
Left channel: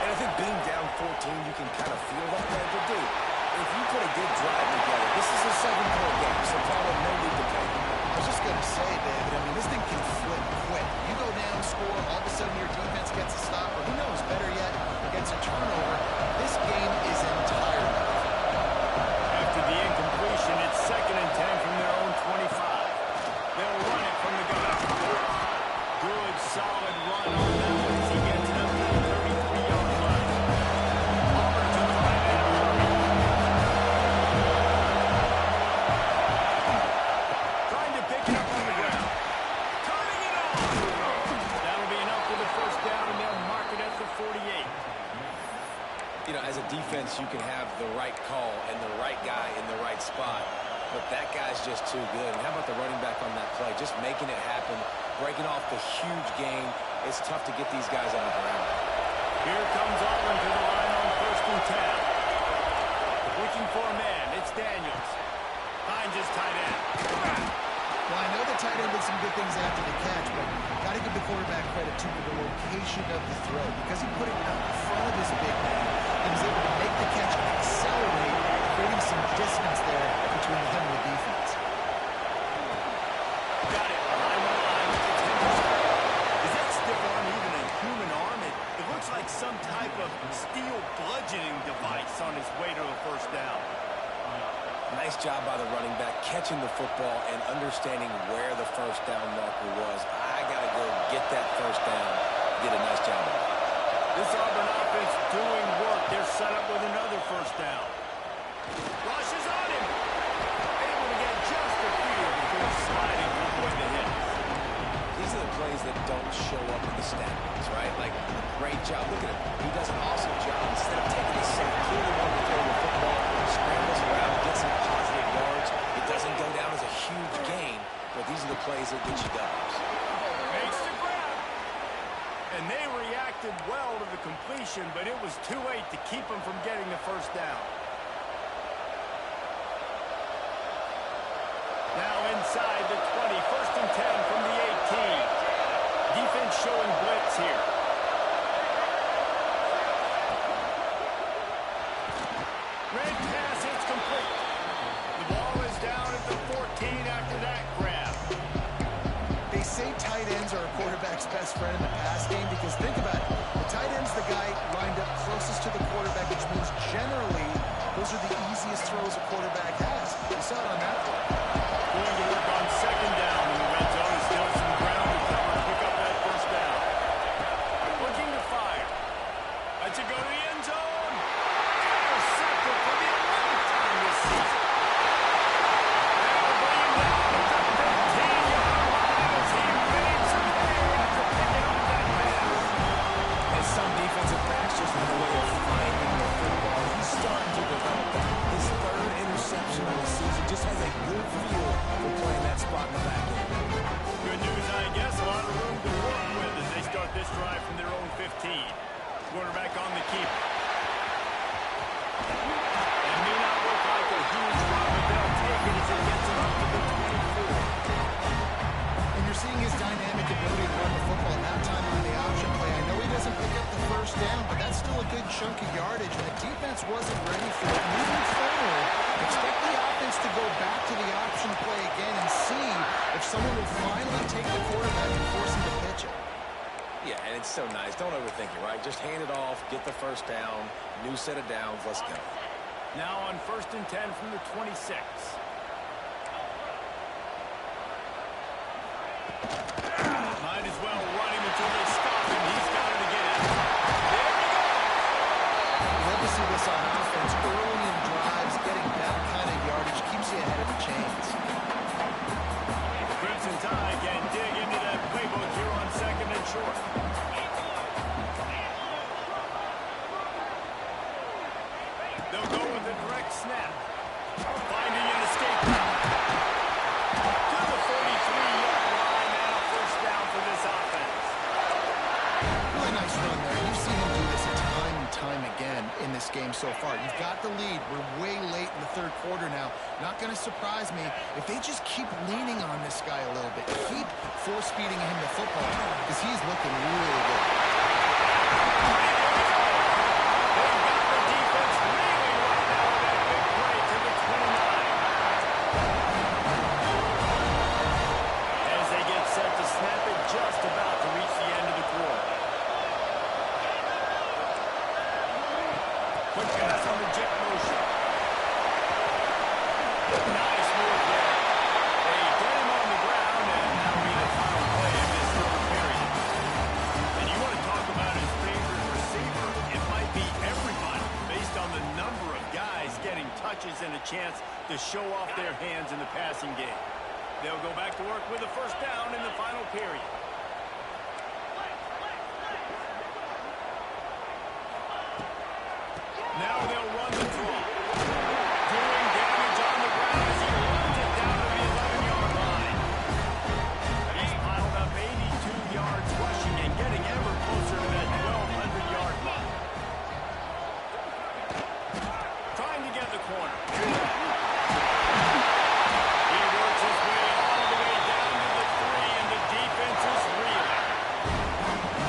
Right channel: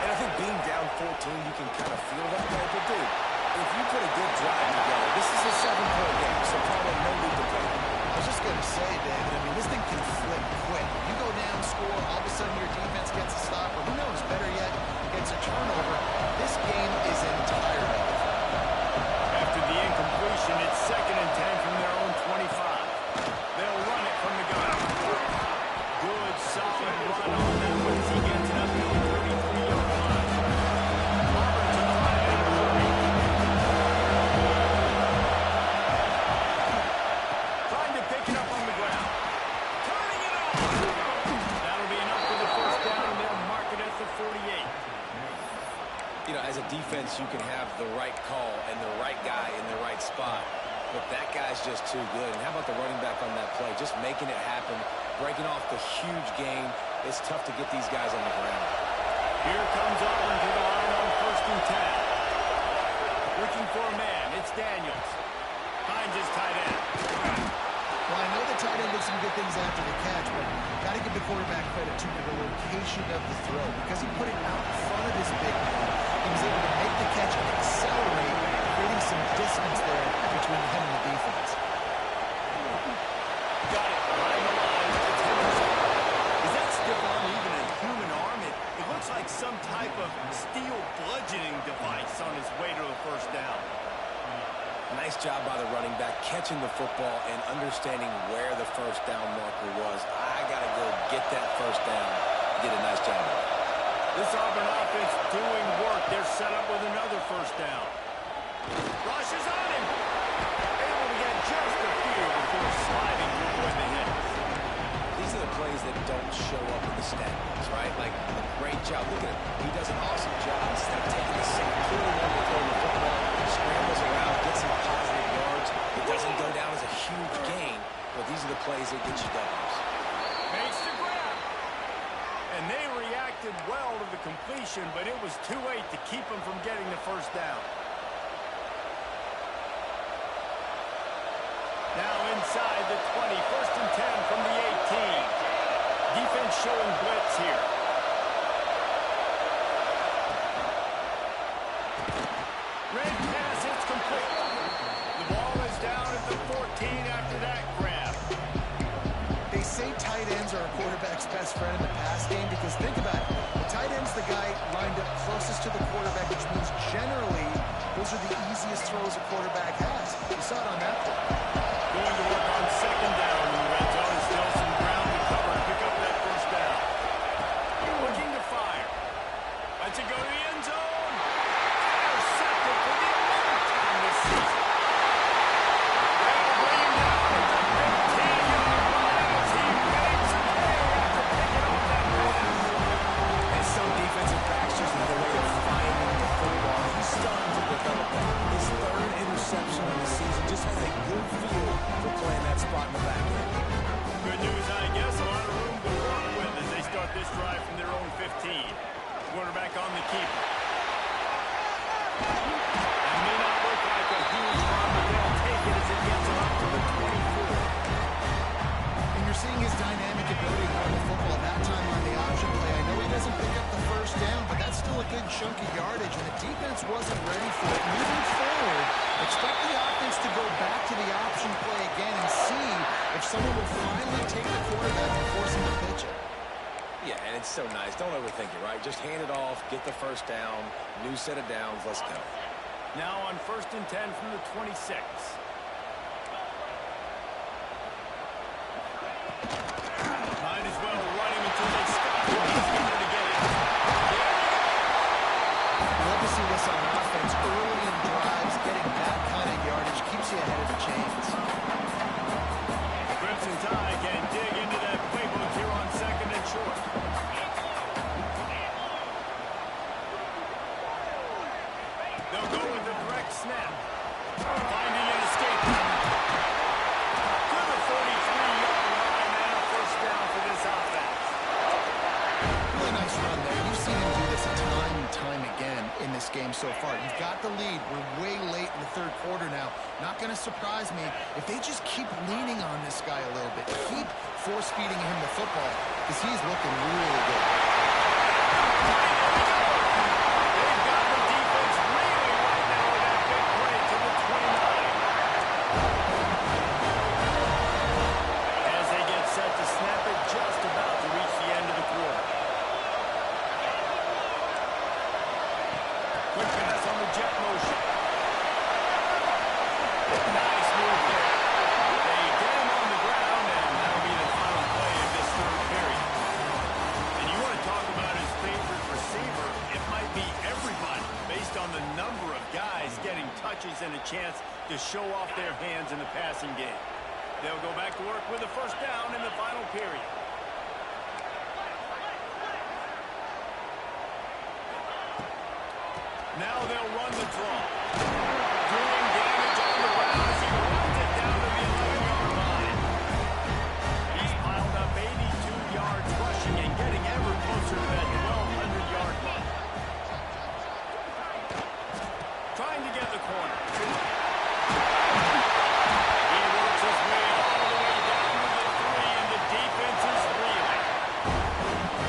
And I think being down 14, you can kind of feel that way. But, dude, if you put a good drive together, this is a 7-point game, so probably no need to panic. I was just going to say, David, I mean, this thing can flip quick. You go down, score, all of a sudden your defense gets a stop, or who knows, better yet, gets a turnover. This game is entirely different. After the incompletion, it's 2nd and 10 from their own 25. They'll run it from the gun. Good, solid run on that one as he gets it up to the 33-yard line. Auburn to the line in a hurry. Trying to pick it up on the ground. Turning it on. That'll be enough for the first down, and they'll mark it at the 48. You know, as a defense, you can have the right call and the right guy in the right spot, but that guy's just too good. And how about the running back on that play? Just making it happen, breaking off the huge gain. It's tough to get these guys on the ground. Here comes Auburn to the line on 1st and 10. Looking for a man. It's Daniels. Finds his tight end. Well, I know the tight end did some good things after the catch, but got to give the quarterback credit, too, for the location of the throw. Because he put it out in front of his big man, he was able to make the catch and accelerate, creating some distance there between him and the defense. Got it behind the line. It's Henderson. Is that stiff arm even a human arm? It looks like some type of steel bludgeoning device on his way to a first down. Nice job by the running back, catching the football and understanding where the first down marker was. I got to go get that first down. Did a nice job of it. This Auburn offense doing work. They're set up with another first down. Rush is on him. Able to get just a few before sliding to avoid the hit. These are the plays that don't show up in the stat books, right? Like, a great job. Look at him. He does an awesome job. Instead of taking the sack, clearly wanting to throw the football, scrambles around, gets some positive yards. It doesn't go down as a huge gain, but these are the plays that get you W's. Makes the grab. And they reacted well to the completion, but it was too late to keep them from getting the first down. Now inside the 20, 1st and 10 from the 18. Defense showing blitz here. Red pass, it's complete. The ball is down at the 14 after that grab. They say tight ends are a quarterback's best friend in the pass game because think about it. The tight end's the guy lined up closest to the quarterback, which means generally those are the easiest throws a quarterback has. You saw it on that play. Going to work on 2nd down in the red zone. Is still some ground to cover to pick up that first down. Looking to fire. Lets it go to the end zone. Intercepted for the 11th time this season. They'll bring him down at the 15-yard line as he made some hay after picking off that pass. And some defensive backs just have a way of finding the football. He's starting to develop that. His 3rd interception of the season just has a good feel for playing that spot in the back. start this drive from their own 15. Quarterback on the keeper. That may not look like a huge run, but they'll take it as it gets them up to the 24. And you're seeing his dynamic ability to run the football. That time on the option play, I know he doesn't pick up the first down, but that's still a good chunk of yardage, and the defense wasn't ready for it. Moving forward, expect the offense to go back to the option play again and see if someone will finally take the quarterback and force him to pitch it. Yeah, and it's so nice. Don't overthink it, right? Just hand it off, get the first down, new set of downs, let's go. Now on 1st and 10 from the 26. Might as well run him until they stop him. He's got it again. There we go. Love to see this on offense. Early in drives, getting that kind of yardage keeps you ahead of the chains. The Crimson Tide can dig into that playbook here on 2nd and short. They'll go with a direct snap. Finding an escape route. To the 43-yard line, and a first down for this offense. Really nice run there. You've seen him do this time and time again in this game so far. You've got the lead. We're way late in the 3rd quarter now. Not going to surprise me if they just keep leaning on this guy a little bit. Keep force-feeding him the football because he's looking really good. There we go. They've got the defense reeling right now with that big play to the 29. As they get set to snap it, just about to reach the end of the quarter. Quick pass on the jet motion. Nice move there. They get him on the ground, and that'll be the final play of this 3rd period. And you want to talk about his favorite receiver, it might be everybody, based on the number of guys getting touches and a chance to show off their hands in the passing game. They'll go back to work with a first down in the final period. Now they'll run the draw. Doing damage on the ground as he runs it down to the 11-yard line. He's piled up 82 yards rushing and getting ever closer to that 1,200-yard mark. Trying to get the corner. He works his way all the way down to the 3, and the defense is reeling.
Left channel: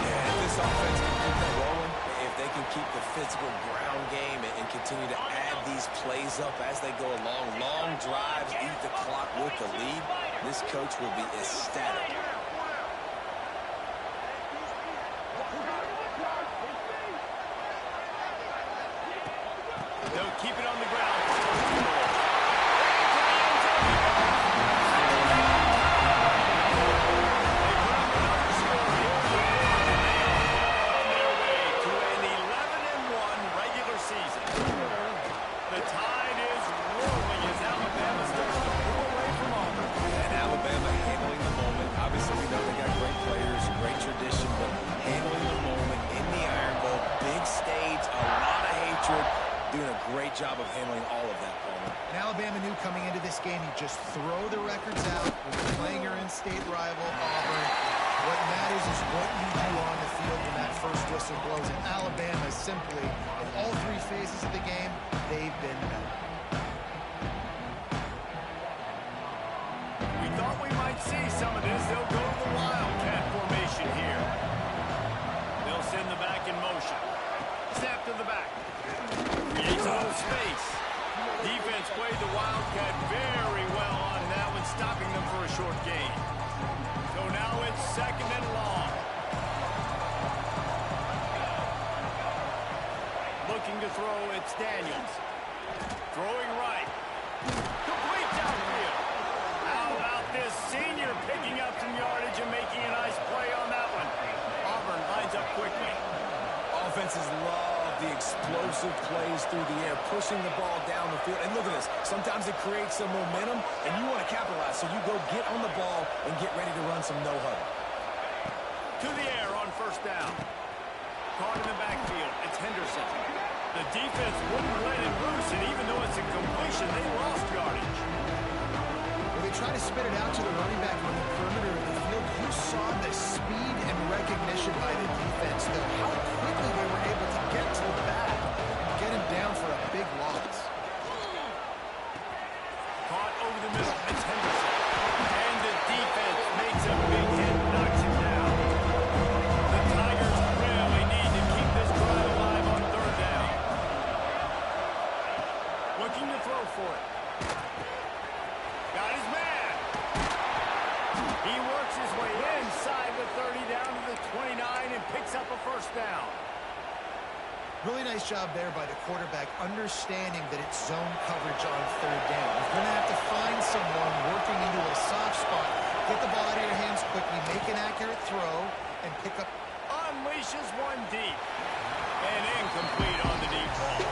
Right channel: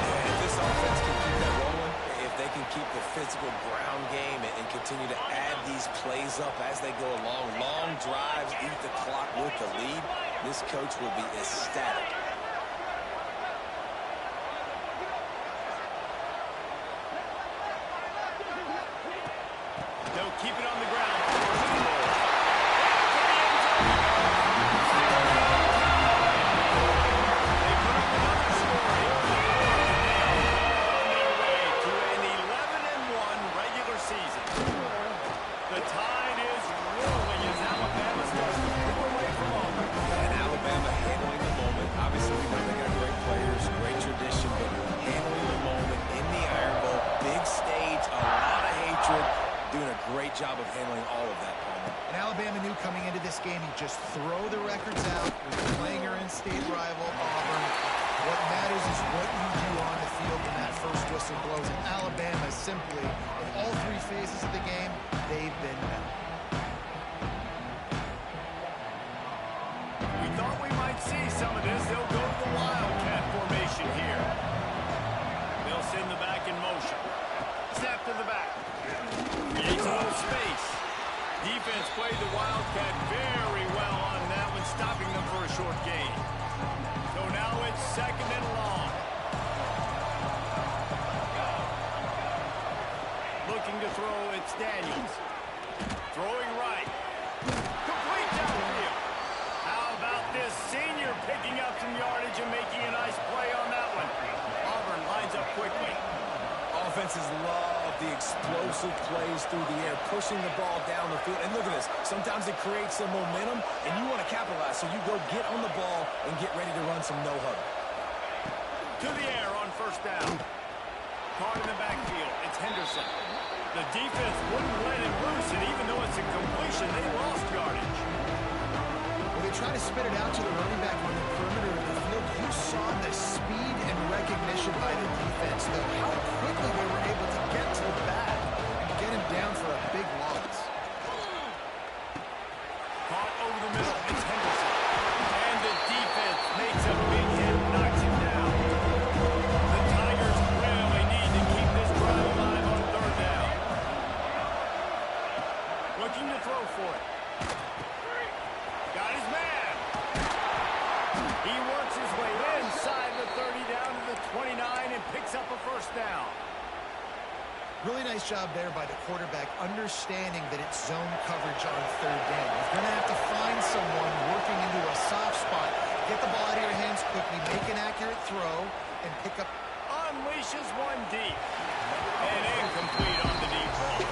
Yeah, if this offense can keep that rolling, if they can keep the physical ground game and continue to add these plays up as they go along, long drives, eat the clock with the lead, this coach will be ecstatic. They'll keep it on the ground for first and goal. Into the end zone he goes. They put up another score here in the 4th, and they are well on their way to an 11-1 regular season. The tide is rolling as Alabama starts to pull away from Auburn. And Alabama handling the moment. Obviously, we know they got great players, great tradition, but handling the moment in the Iron Bowl, big stage, a lot of hatred, doing a great job of handling all of that, Palmer. And Alabama knew coming into this game, you just throw the records out. We're playing your in-state rival, Auburn. What matters is what you do on the field when that first whistle blows. And Alabama simply, in all 3 phases of the game, they've been better. We thought we might see some of this. They'll go to the Wildcat formation here. They'll send the back in motion. Snap to the back. Creates a little space. Defense played the Wildcat very well on that one, stopping them for a short gain. So now it's 2nd and long. Looking to throw, it's Daniels. Throwing right. Complete downfield. How about this senior picking up some yardage and making a nice play on that one? Auburn lines up quickly. Offenses love the explosive plays through the air, pushing the ball down the field. And look at this. Sometimes it creates some momentum, and you want to capitalize. So you go get on the ball and get ready to run some no-huddle. To the air on first down. Caught in the backfield. It's Henderson. The defense wouldn't let him loose, and even though it's a completion, they lost yardage. Well, they try to spit it out to the running back on the perimeter of the field. You saw the speed and recognition recognition by the defense, though, how quickly they were able to get to the back and get him down for a big loss. Caught over the middle. It's Henderson. And the defense makes a big hit, knocks him down. The Tigers really need to keep this drive alive on third down. Looking to throw for it. Got his man. He works his way inside the 30 down to the 29 and picks up a first down. Really nice job there by the quarterback, understanding that it's zone coverage on third down. You're going to have to find someone working into a soft spot, get the ball out of your hands quickly, make an accurate throw, and pick up. Unleashes one deep. And incomplete on the deep ball.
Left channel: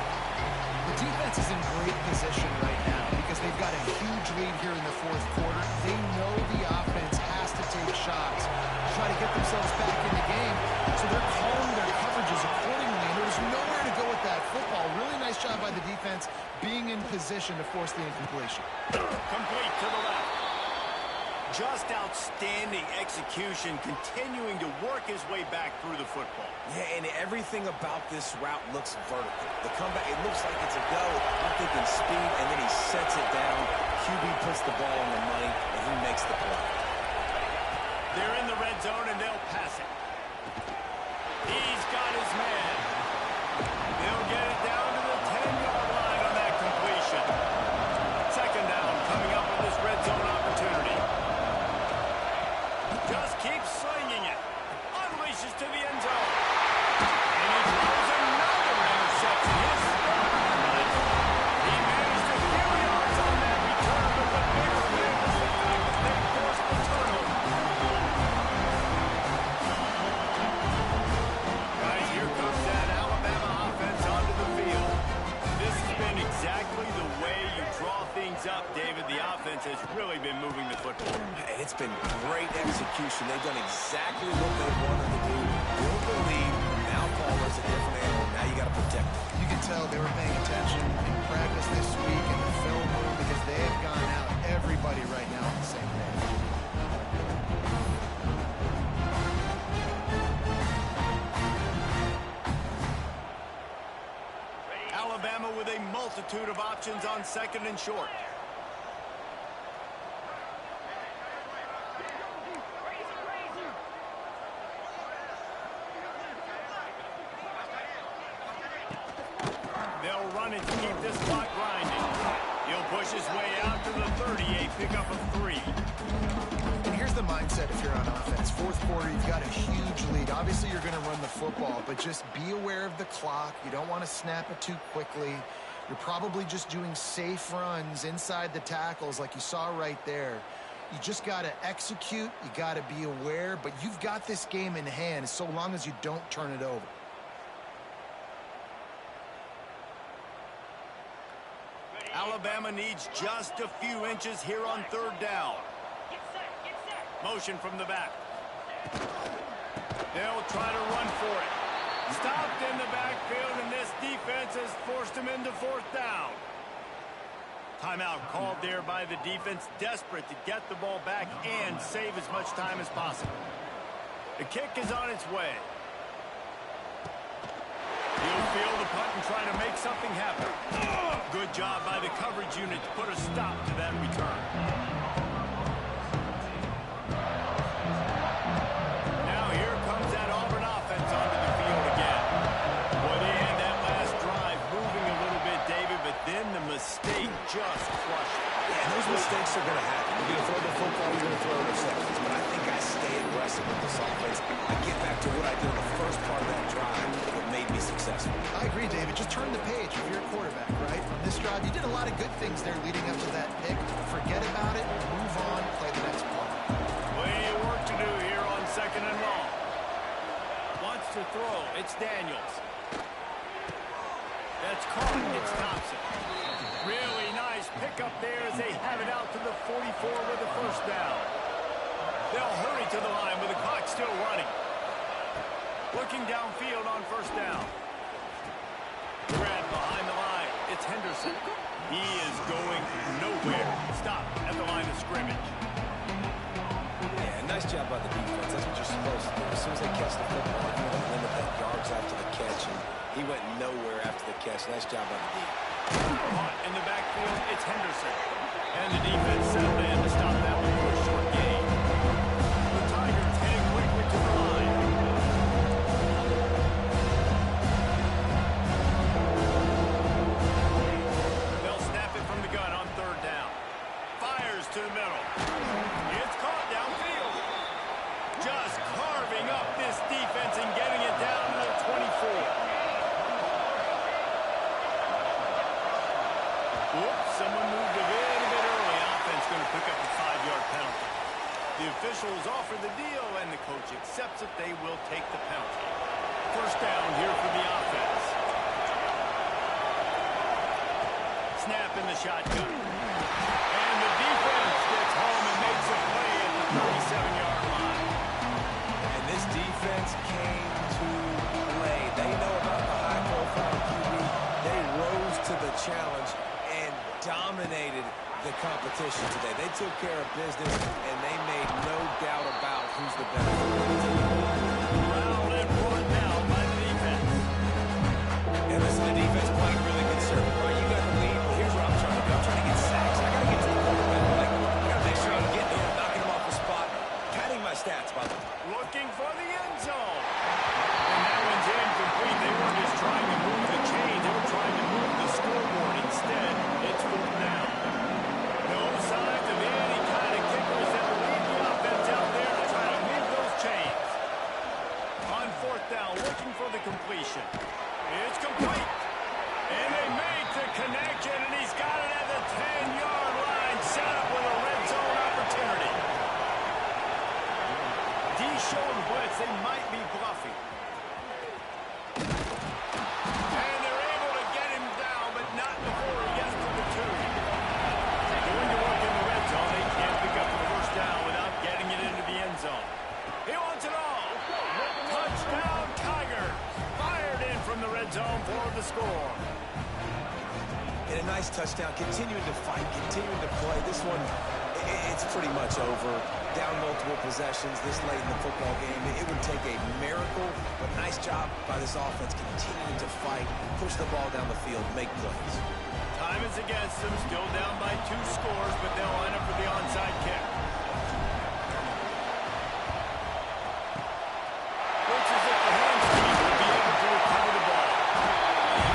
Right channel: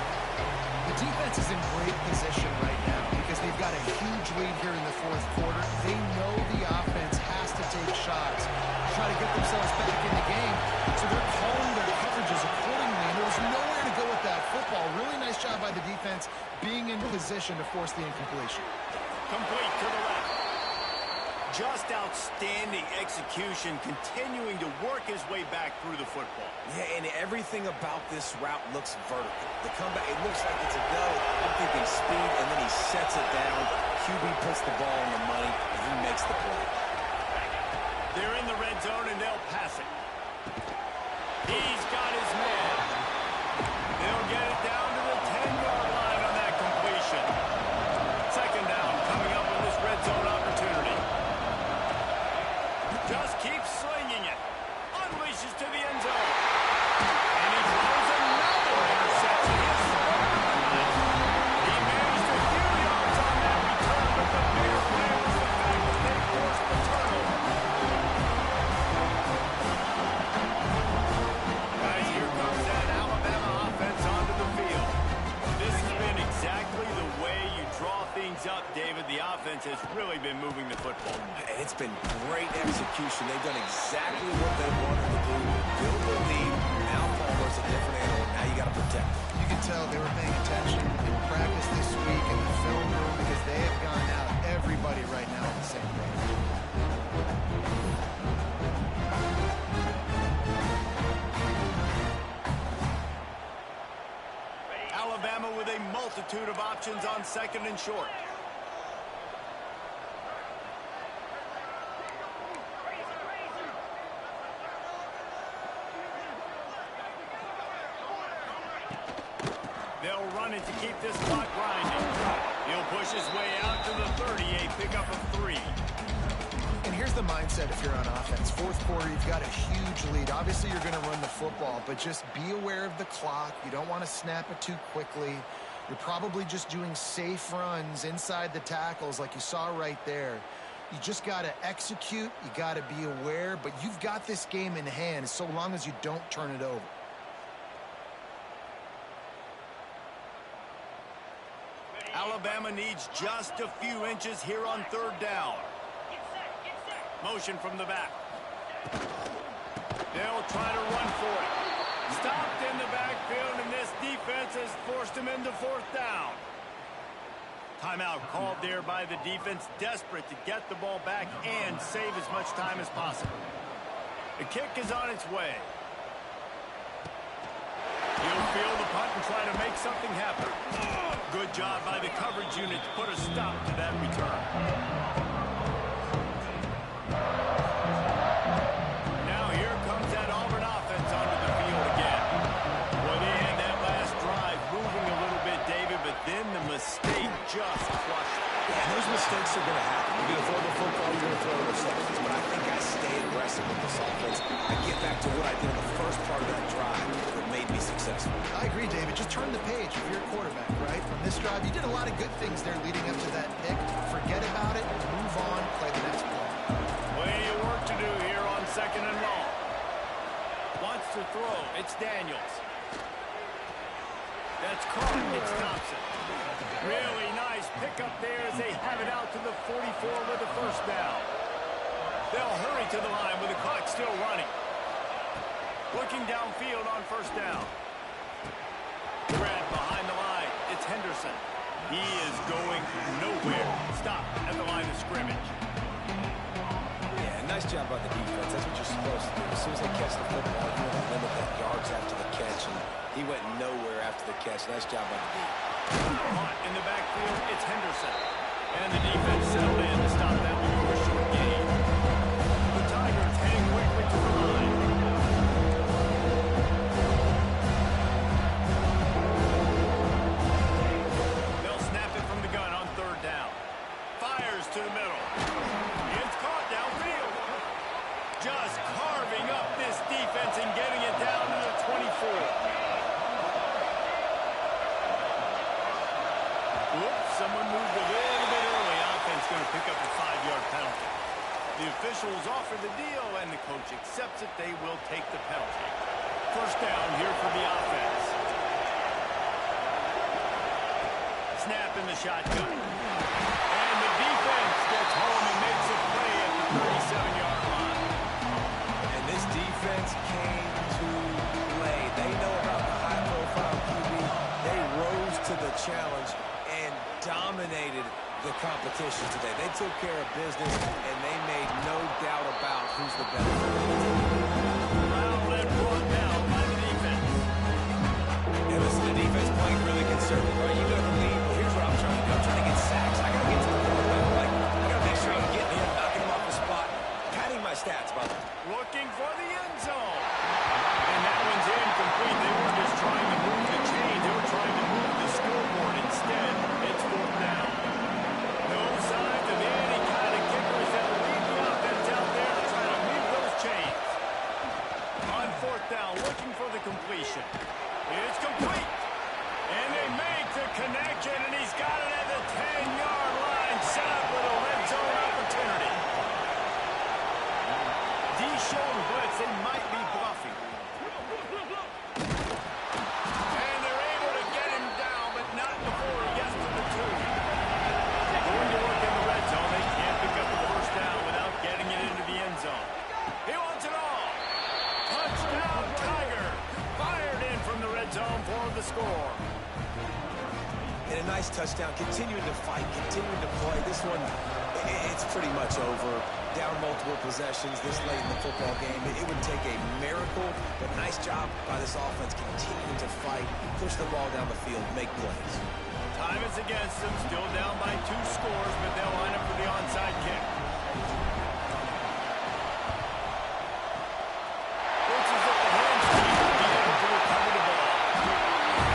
The defense is in great position right now because they've got a huge lead here in the fourth quarter. They know the offense has to take shots to try to get themselves back in the game, so they're calling their coverages accordingly, and there was nowhere to go with that football. Really nice job by the defense being in position to force the incompletion. Complete to the left. Just outstanding execution, continuing to work his way back through the football. Yeah, and everything about this route looks vertical. The comeback, it looks like it's a go. I'm thinking speed, and then he sets it down. QB puts the ball on the money, and he makes the play. They're in the red zone, and they'll pass it. He's got his man. They'll get it down to the 10-yard line on that completion. Second down coming up with this red zone opportunity. Just keeps slinging it. Unleashes to the end zone. And he throws another interception. His third of the night. He managed a few yards on that return, but the bigger play was the fact that they forced the turnover. Guys, here comes that Alabama offense onto the field. This has been exactly the way you draw things up, David. The offense has really been moving the football. And it's been great execution. They've done exactly what they wanted to do. Build the lead. Now Palmer's a different animal. Now you got to protect him. You can tell they were paying attention in practice this week in the film room because they have gone out, everybody right now on the same page. Alabama with a multitude of options on second and short. They'll run it to keep this clock grinding. He'll push his way out to the 38, pick up a 3. And here's the mindset if you're on offense. Fourth quarter, you've got a huge lead. Obviously, you're going to run the football, but just be aware of the clock. You don't want to snap it too quickly. You're probably just doing safe runs inside the tackles like you saw right there. You just got to execute. You got to be aware, but you've got this game in hand so long as you don't turn it over. Alabama needs just a few inches here on third down. Get set, get set. Motion from the back. They'll try to run for it. Stopped in the backfield, and this defense has forced him into fourth down. Timeout called there by the defense, desperate to get the ball back and save as much time as possible. The kick is on its way. He'll field the punt and try to make something happen. Good job by the coverage unit to put a stop to that return. Now here comes that Auburn offense onto the field again. Boy, they had that last drive moving a little bit, David, but then the mistake just crushed it. Yeah, and those mistakes are going to happen. You're going to throw the football, you're going to throw interceptions. But I think I stay aggressive with this offense. I get back to what I did in the first part of that drive that made me successful. I agree, David. Just turn the page if you're a quarterback, right? On this drive, you did a lot of good things there leading up to that pick. Forget about it, move on, play the next play. Plenty of work to do here on second and long. Wants to throw. It's Daniels. That's caught. It's Thompson. Really nice pickup there as they have it out to the 44 with a first down. They'll hurry to the line with the clock still running. Looking downfield on first down. Grant behind the line. It's Henderson. He is going nowhere. Stop at the line of scrimmage. Yeah, nice job by the defense. That's what you're supposed to do. As soon as they catch the football, you want to limit that yards after the catch, and he went nowhere after the catch. Nice job by the D. Caught in the backfield, it's Henderson. And the defense settled in to stop that one for a short gain. The Tigers heading quickly to the line. They'll snap it from the gun on third down. Fires to the middle. It's caught downfield. Just carving up this defense and getting it down to the 24. Whoops, someone moved a little bit early. Offense going to pick up a 5-yard penalty. The officials offer the deal, and the coach accepts it. They will take the penalty. First down here for the offense. Snap in the shotgun. And the defense gets home and makes a play at the 37-yard line. And this defense came to play. They know about the high-profile QB. They rose to the challenge and dominated the competition today. They took care of business, and they made no doubt about who's the better player. Corralled and brought down by the defense. And listen, the defense playing really conservative, right? You got the lead, but here's what I'm trying to do. I'm trying to get sacks. I got to get to the quarterback. Like, I got to make sure I'm getting him, knocking him off the spot. Padding my stats, by the way. Looking for the end zone. And that one's incomplete. They weren't just trying to move the chains. They were trying to move the scoreboard. Instead, it's fourth down. No signs of any kind of kickers that will lead the offense out there to try to move those chains. On fourth down, looking for the completion. It's complete. And they make the connection, and he's got it at the 10-yard line, set up with a red zone opportunity. D showing blitz. They might be bluffing. And they're able to get him down, but not before he gets to the 2. Going to work in the red zone. They can't pick up the first down without getting it into the end zone. He wants it all. Touchdown, Tigers. Fired in from the red zone for the score. And a nice touchdown, continuing to fight, continuing to play. This one, it's pretty much over. Down multiple possessions this late in the football game. It would take a miracle, but nice job by this offense continuing to fight, push the ball down the field, make plays. Time is against them, still down by 2 scores, but they'll line up for the onside kick. Looks as if the hands team will be able to recover the ball.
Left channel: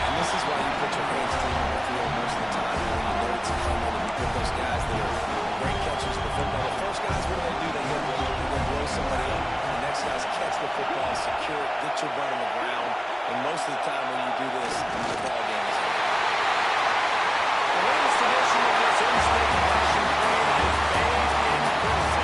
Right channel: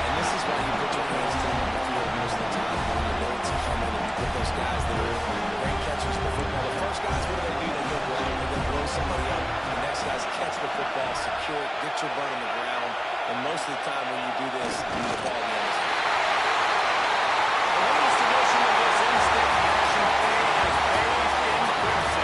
And this is why you put your hands team on the field most of the time when you know it's coming, and you put those guys that are great catchers of the football. The first guys, what do? They go block. They go blow somebody up. The next guys catch the football, secure it, get your butt on the ground. And most of the time when you do this, the ball game is over. The latest edition of this instant passion play is bathed